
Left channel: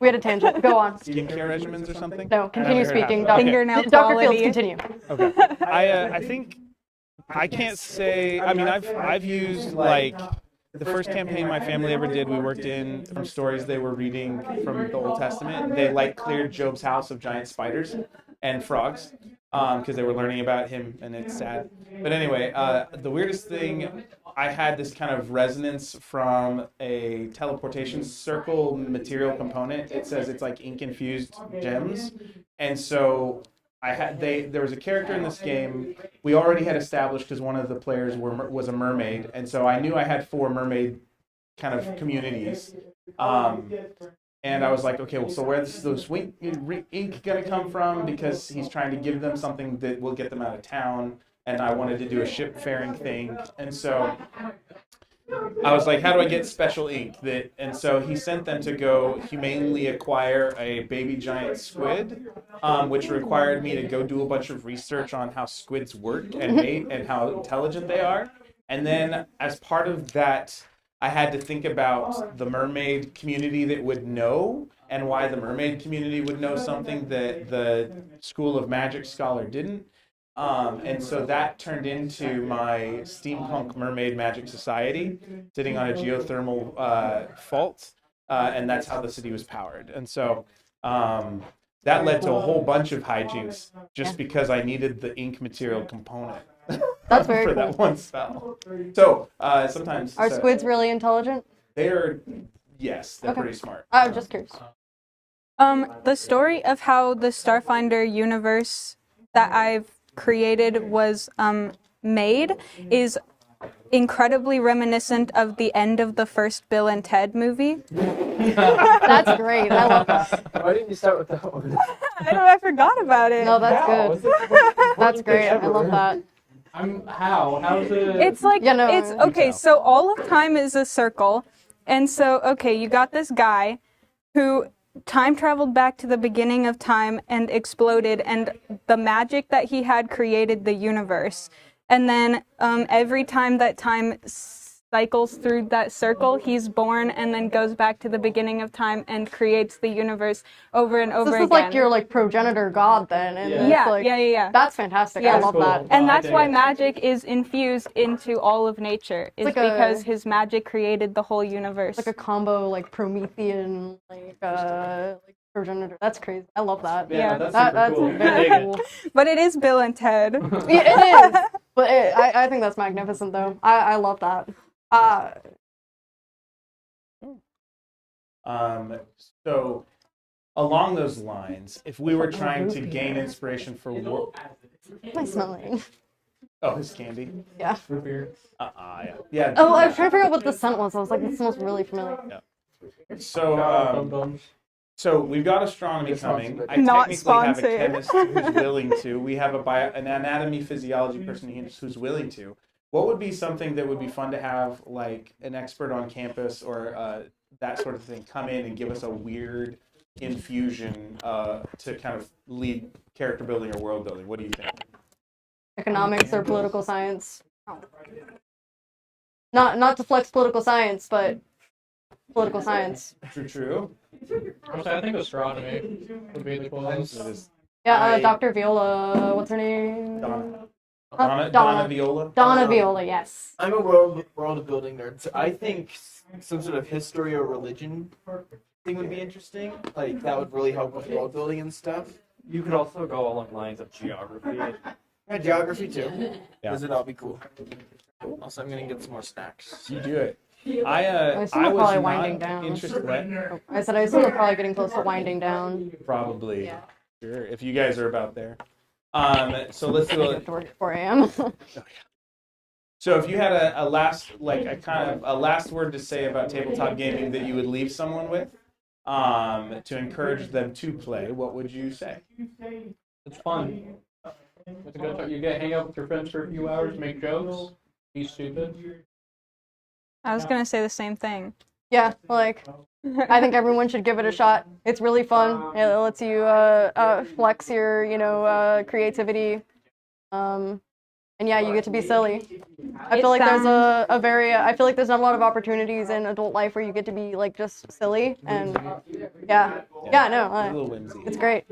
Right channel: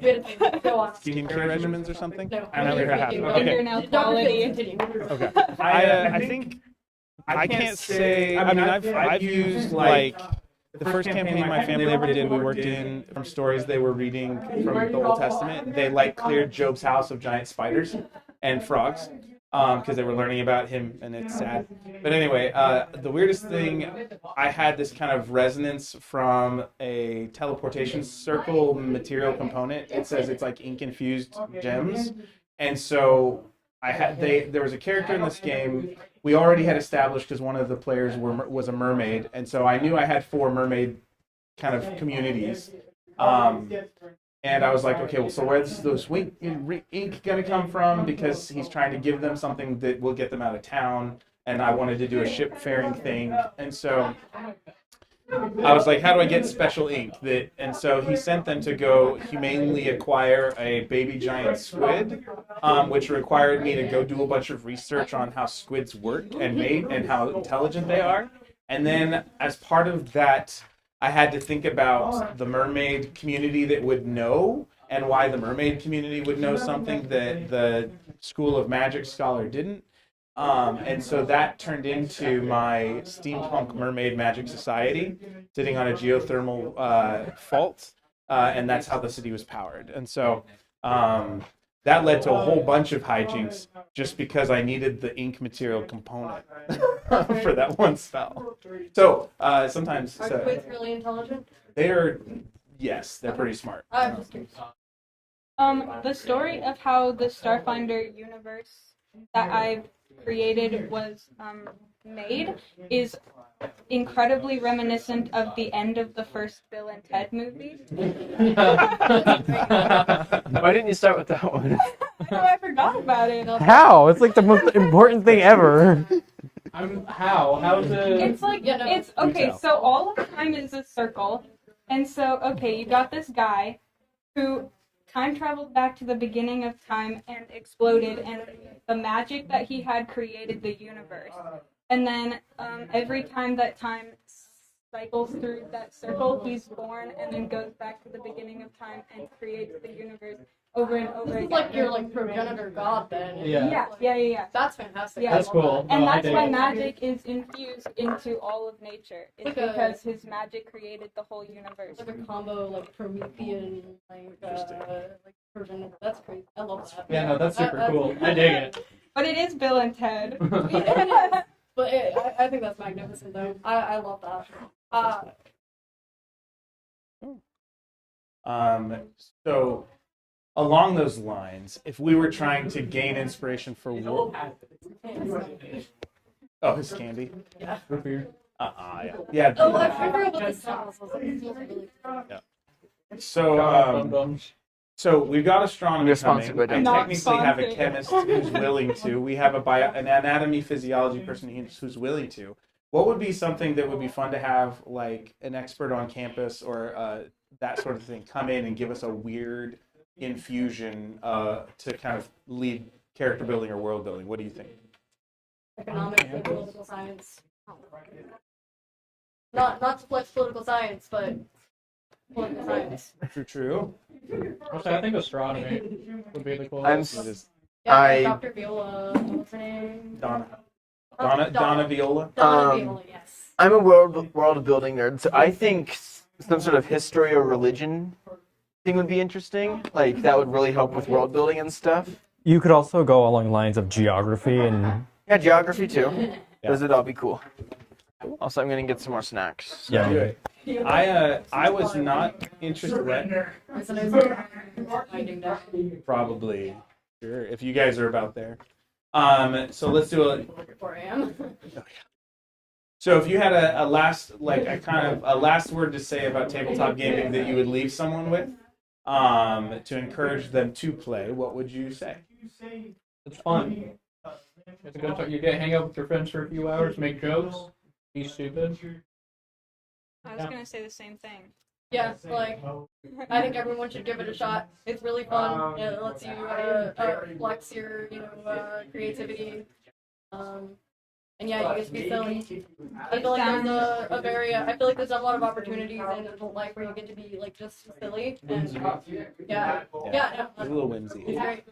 We had a tangent. Go on. skincare regimens or something. No, I never continue heard half speaking. of it. Dr. Okay. Fingernail Dr. Fields, quality. continue. Okay. I think I can't say. I mean, I've used like the first campaign my family ever did. We worked in from stories they were reading from the Old Testament. They like cleared Job's house of giant spiders and frogs because they were learning about him, and it's sad. But anyway, the weirdest thing, I had this kind of resonance from a teleportation circle material component. It says it's like ink infused gems, and so there was a character in this game we already had established because one of the players was a mermaid, and so I knew I had 4 mermaid kind of communities. And I was like, okay, well, so where's those ink gonna come from? Because he's trying to give them something that will get them out of town, and I wanted to do a ship-faring thing, and so I was like, how do I get special ink? And so he sent them to go humanely acquire a baby giant squid, which required me to go do a bunch of research on how squids work and mate and how intelligent they are. And then as part of that, I had to think about the mermaid community that would know and why the mermaid community would know something that the School of Magic scholar didn't. And so that turned into my steampunk mermaid magic society sitting on a geothermal fault, and that's how the city was powered. And so that led to a whole bunch of hijinks just because I needed the ink material component very for that one spell. So sometimes Are squids really intelligent? they're yes, they're Okay. pretty smart. Just curious. The story of how the Starfinder universe that I've created was made is incredibly reminiscent of the end of the first Bill and Ted movie. That's great. I love that. Why didn't you start with that one? I forgot about it. No, that's How? good. It's like the most important That's thing great. I love ever. that. How's it? It's like Yeah, no, it's you okay. tell. So all of time is a circle, and so okay, you got this guy who time traveled back to the beginning of time and exploded, and the magic that he had created the universe. And then every time that time cycles through that circle, he's born and then goes back to the beginning of time and creates the universe over and over This again. is like your progenitor god then. And Yeah. it's yeah, like, yeah. That's fantastic. Yeah. I That's love cool. that. And I that's dig why it. magic is infused into all of nature, is like because a- his magic created the whole universe. Like a combo, like Promethean, like progenitor. That's crazy. I love that. Yeah, no, that's super That's cool. I very dig it. cool. But it is Bill and Ted. It is. But I think that's magnificent though. I love that. So along those lines, if we were trying to gain inspiration for work, What am I smelling? oh, his candy. Yeah. Root beer. Yeah. Oh, I was trying to figure out what the scent was. I was like, this smells really familiar. So we've got astronomy You're coming. sponsored by I them. Not technically have a sponsored. chemist who's willing to. We have an anatomy physiology person who's willing to. What would be something that would be fun to have, like an expert on campus or that sort of thing, come in and give us a weird infusion to kind of lead character building or world building? What do you think? Economics or political science. Not to flex political science, but political science. True. Honestly, I think astronomy would be the coolest. It is Yeah, I- Dr. Viola, what's her name? Donna Viola. Donna Viola, yes. I'm a world building nerd, so I think some sort of history or religion thing would be interesting. Like that would really help with world building and stuff. You could also go along lines of geography and Yeah, geography too. Yeah. Those would all be cool. Also, I'm gonna get some more snacks. yeah. Do it. I was probably winding not down. interested. What? I said I was still probably getting close to winding down. Probably. Sure. If you guys are about there. So let's do it. 4 a.m. So if you had a last, like a kind of a last word to say about tabletop gaming that you would leave someone with, to encourage them to play, what would you say? It's fun. It's a good time. You get hang out with your friends for a few hours, make jokes, be stupid. I was gonna say the same thing. Yeah, like I think everyone should give it a shot. It's really fun. It lets you flex your, creativity. And yeah, you get to be silly. I feel like there's I feel like there's not a lot of opportunities in adult life where you get to be like just silly and yeah, It's a no, little whimsy. it's great.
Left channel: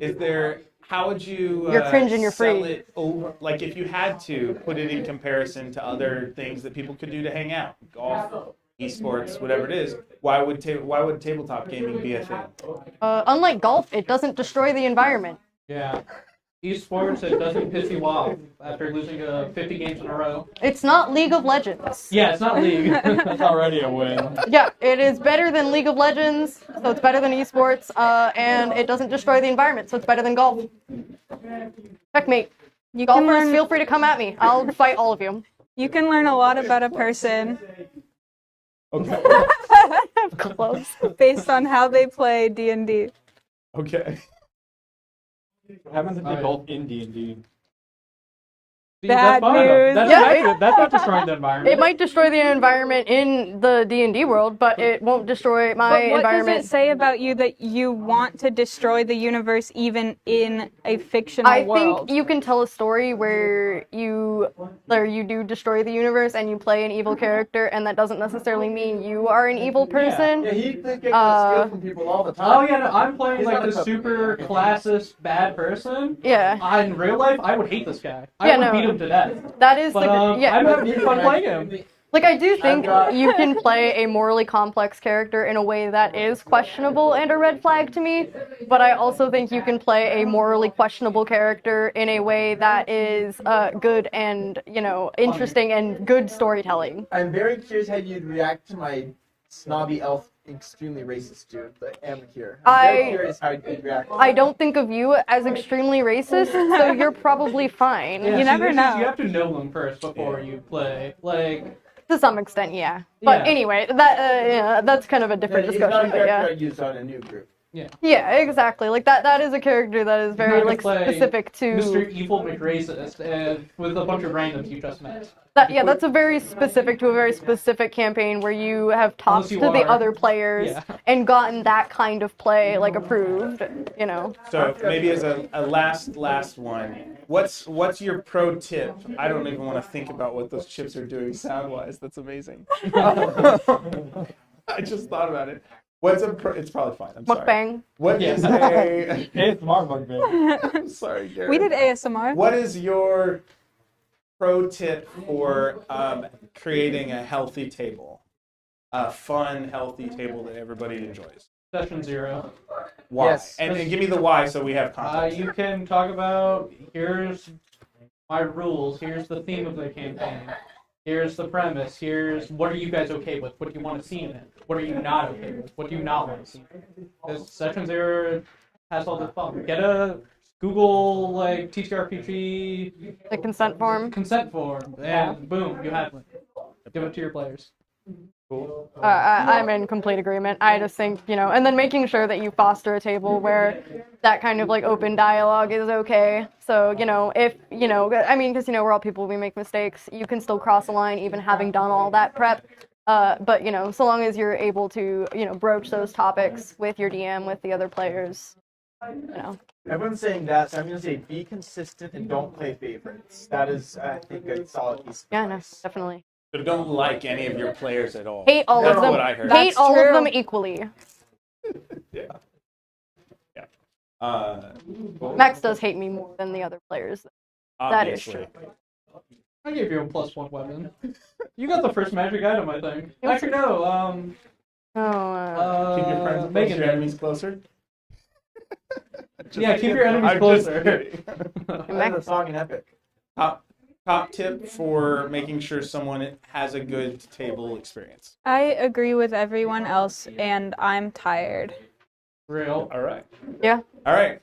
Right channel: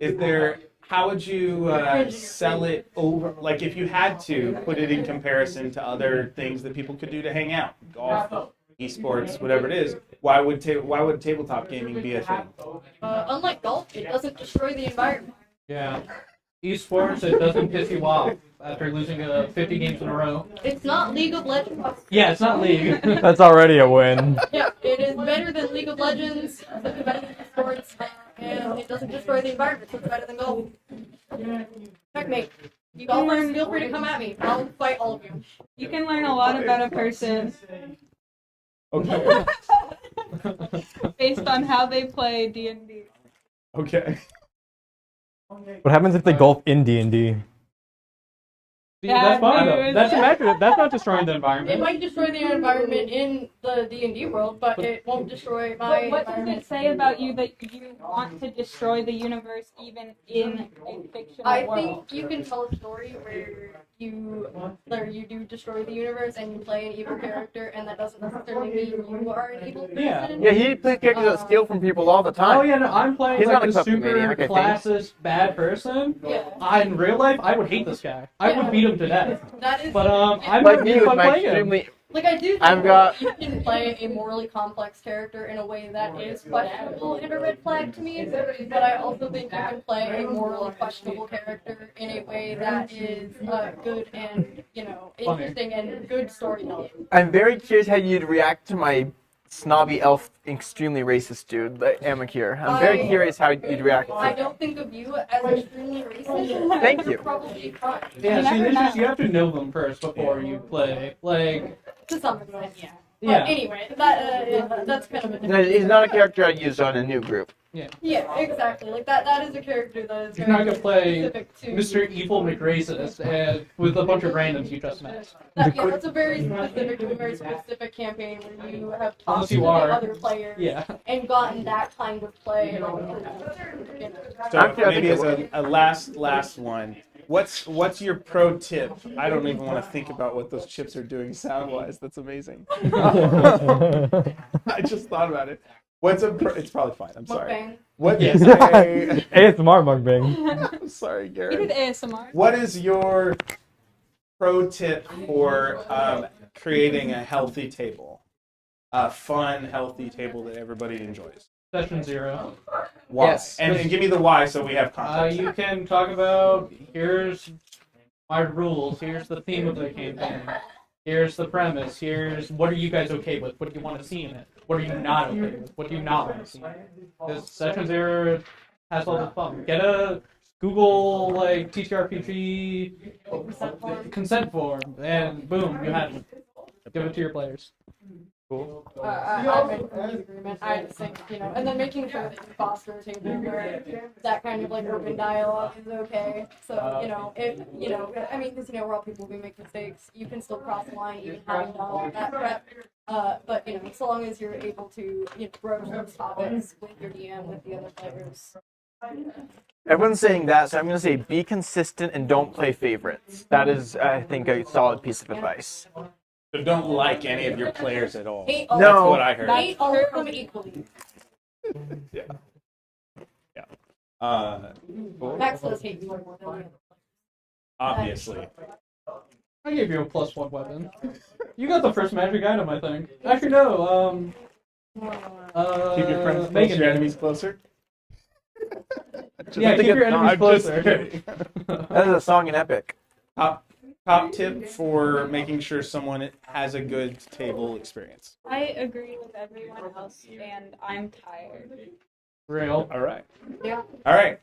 Is there? How would you You're cringe and you're sell free. it over? Like if you had to put it in comparison to other things that people could do to hang out, golf, esports, whatever it is. Why would tabletop gaming be a thing? Unlike golf, it doesn't destroy the environment. Yeah. Esports, it doesn't piss you off after losing 50 games in a row. It's not League of Legends. Yeah, it's not League. That's already a win. Yeah, it is better than League of Legends, so it's better than esports, and it doesn't destroy the environment, so it's better than golf. Checkmate. You golfers, feel free to come at me. I'll fight all of you. You can learn a lot about a person Okay. Close. based on how they play D&D. Okay. What happens if they golf in D&D? See, that's fine though. dude. That's Yeah, accurate. That's not destroying the environment. It might destroy the environment in the D&D world, but it won't destroy my But what environment. does it say about you that you want to destroy the universe even in a fictional I world? think you can tell a story where you do destroy the universe and you play an evil character, and that doesn't necessarily mean you are an evil person. Yeah, he plays characters that steal from people all the time. Oh yeah, no, I'm playing He's like not a a puppet super maniac, I think. classist bad person. Yeah. In real life, I would hate this guy. I Yeah, would no. beat him to death. That is But like, yeah, I'm like, having fun playing him. I do I'm think got- you can play a morally complex character in a way that is questionable and a red flag to me, but I also think you can play a morally questionable character in a way that is good and, interesting and good storytelling. I'm very curious how you'd react to my snobby elf, extremely racist dude, Amakir. I'm very I- curious how you'd react. I don't think of you as extremely racist, so Thank you're you. probably fine. Yeah, You see, never this is- know. you have to know them first before you play. Like, To some extent, yeah. But Yeah. anyway, that's kind of a different He's not a discussion, character yeah. I'd use on a new group. Yeah, exactly. Like that is a character that is you're very not gonna like play specific to Mr. Evil McRacist and with a bunch of randoms you just met. that's a very specific to a very specific campaign where you have talked Unless to you the are. other players Yeah. and gotten that kind of play like approved, So maybe as a last one, what's your pro tip? I don't even want to think about what those chips are doing sound wise. That's amazing. I just thought about it. It's probably fine. I'm sorry. Mukbang. What is a? ASMR mukbang. I'm sorry, Garrett. We did ASMR. What is your pro tip for creating a healthy table? A fun, healthy table that everybody enjoys. Session 0. Why? Yes. And give me the why so we have context. You can talk about, here's my rules, here's the theme of the campaign, here's the premise, here's what are you guys okay with, what do you want to see in it, what are you not okay with, what do you not want to see in it. Because Session 0 has all this fun. Get a Google, like, TTRPG The consent form. consent form, and boom, you have one. Give it to your players. Cool. I'm in complete agreement. I just think, and then making sure that you foster a table where that kind of like open dialogue is okay. So, if, I mean, because, we're all people, we make mistakes. You can still cross the line even having done all that prep. But, so long as you're able to, broach those topics with your DM, with the other players, Everyone's saying that, so I'm going to say be consistent and don't play favorites. That is, I think, a solid piece of Yeah, advice. definitely. So don't like any of your players at all. Hate all That's of them. what I heard. Hate That's all true. of them equally. Yeah. Cool. Max does hate me more than the other players. Obviously. I gave you a +1 weapon. You got the first magic item, I think. Actually, no. Keep your friends close, Megan your did. enemies closer. Yeah, keep your enemies I'm just closer. kidding. That's a song in Epic. Top tip for making sure someone has a good table experience. I agree with everyone else, and I'm tired. Real. All right. Yeah. All right.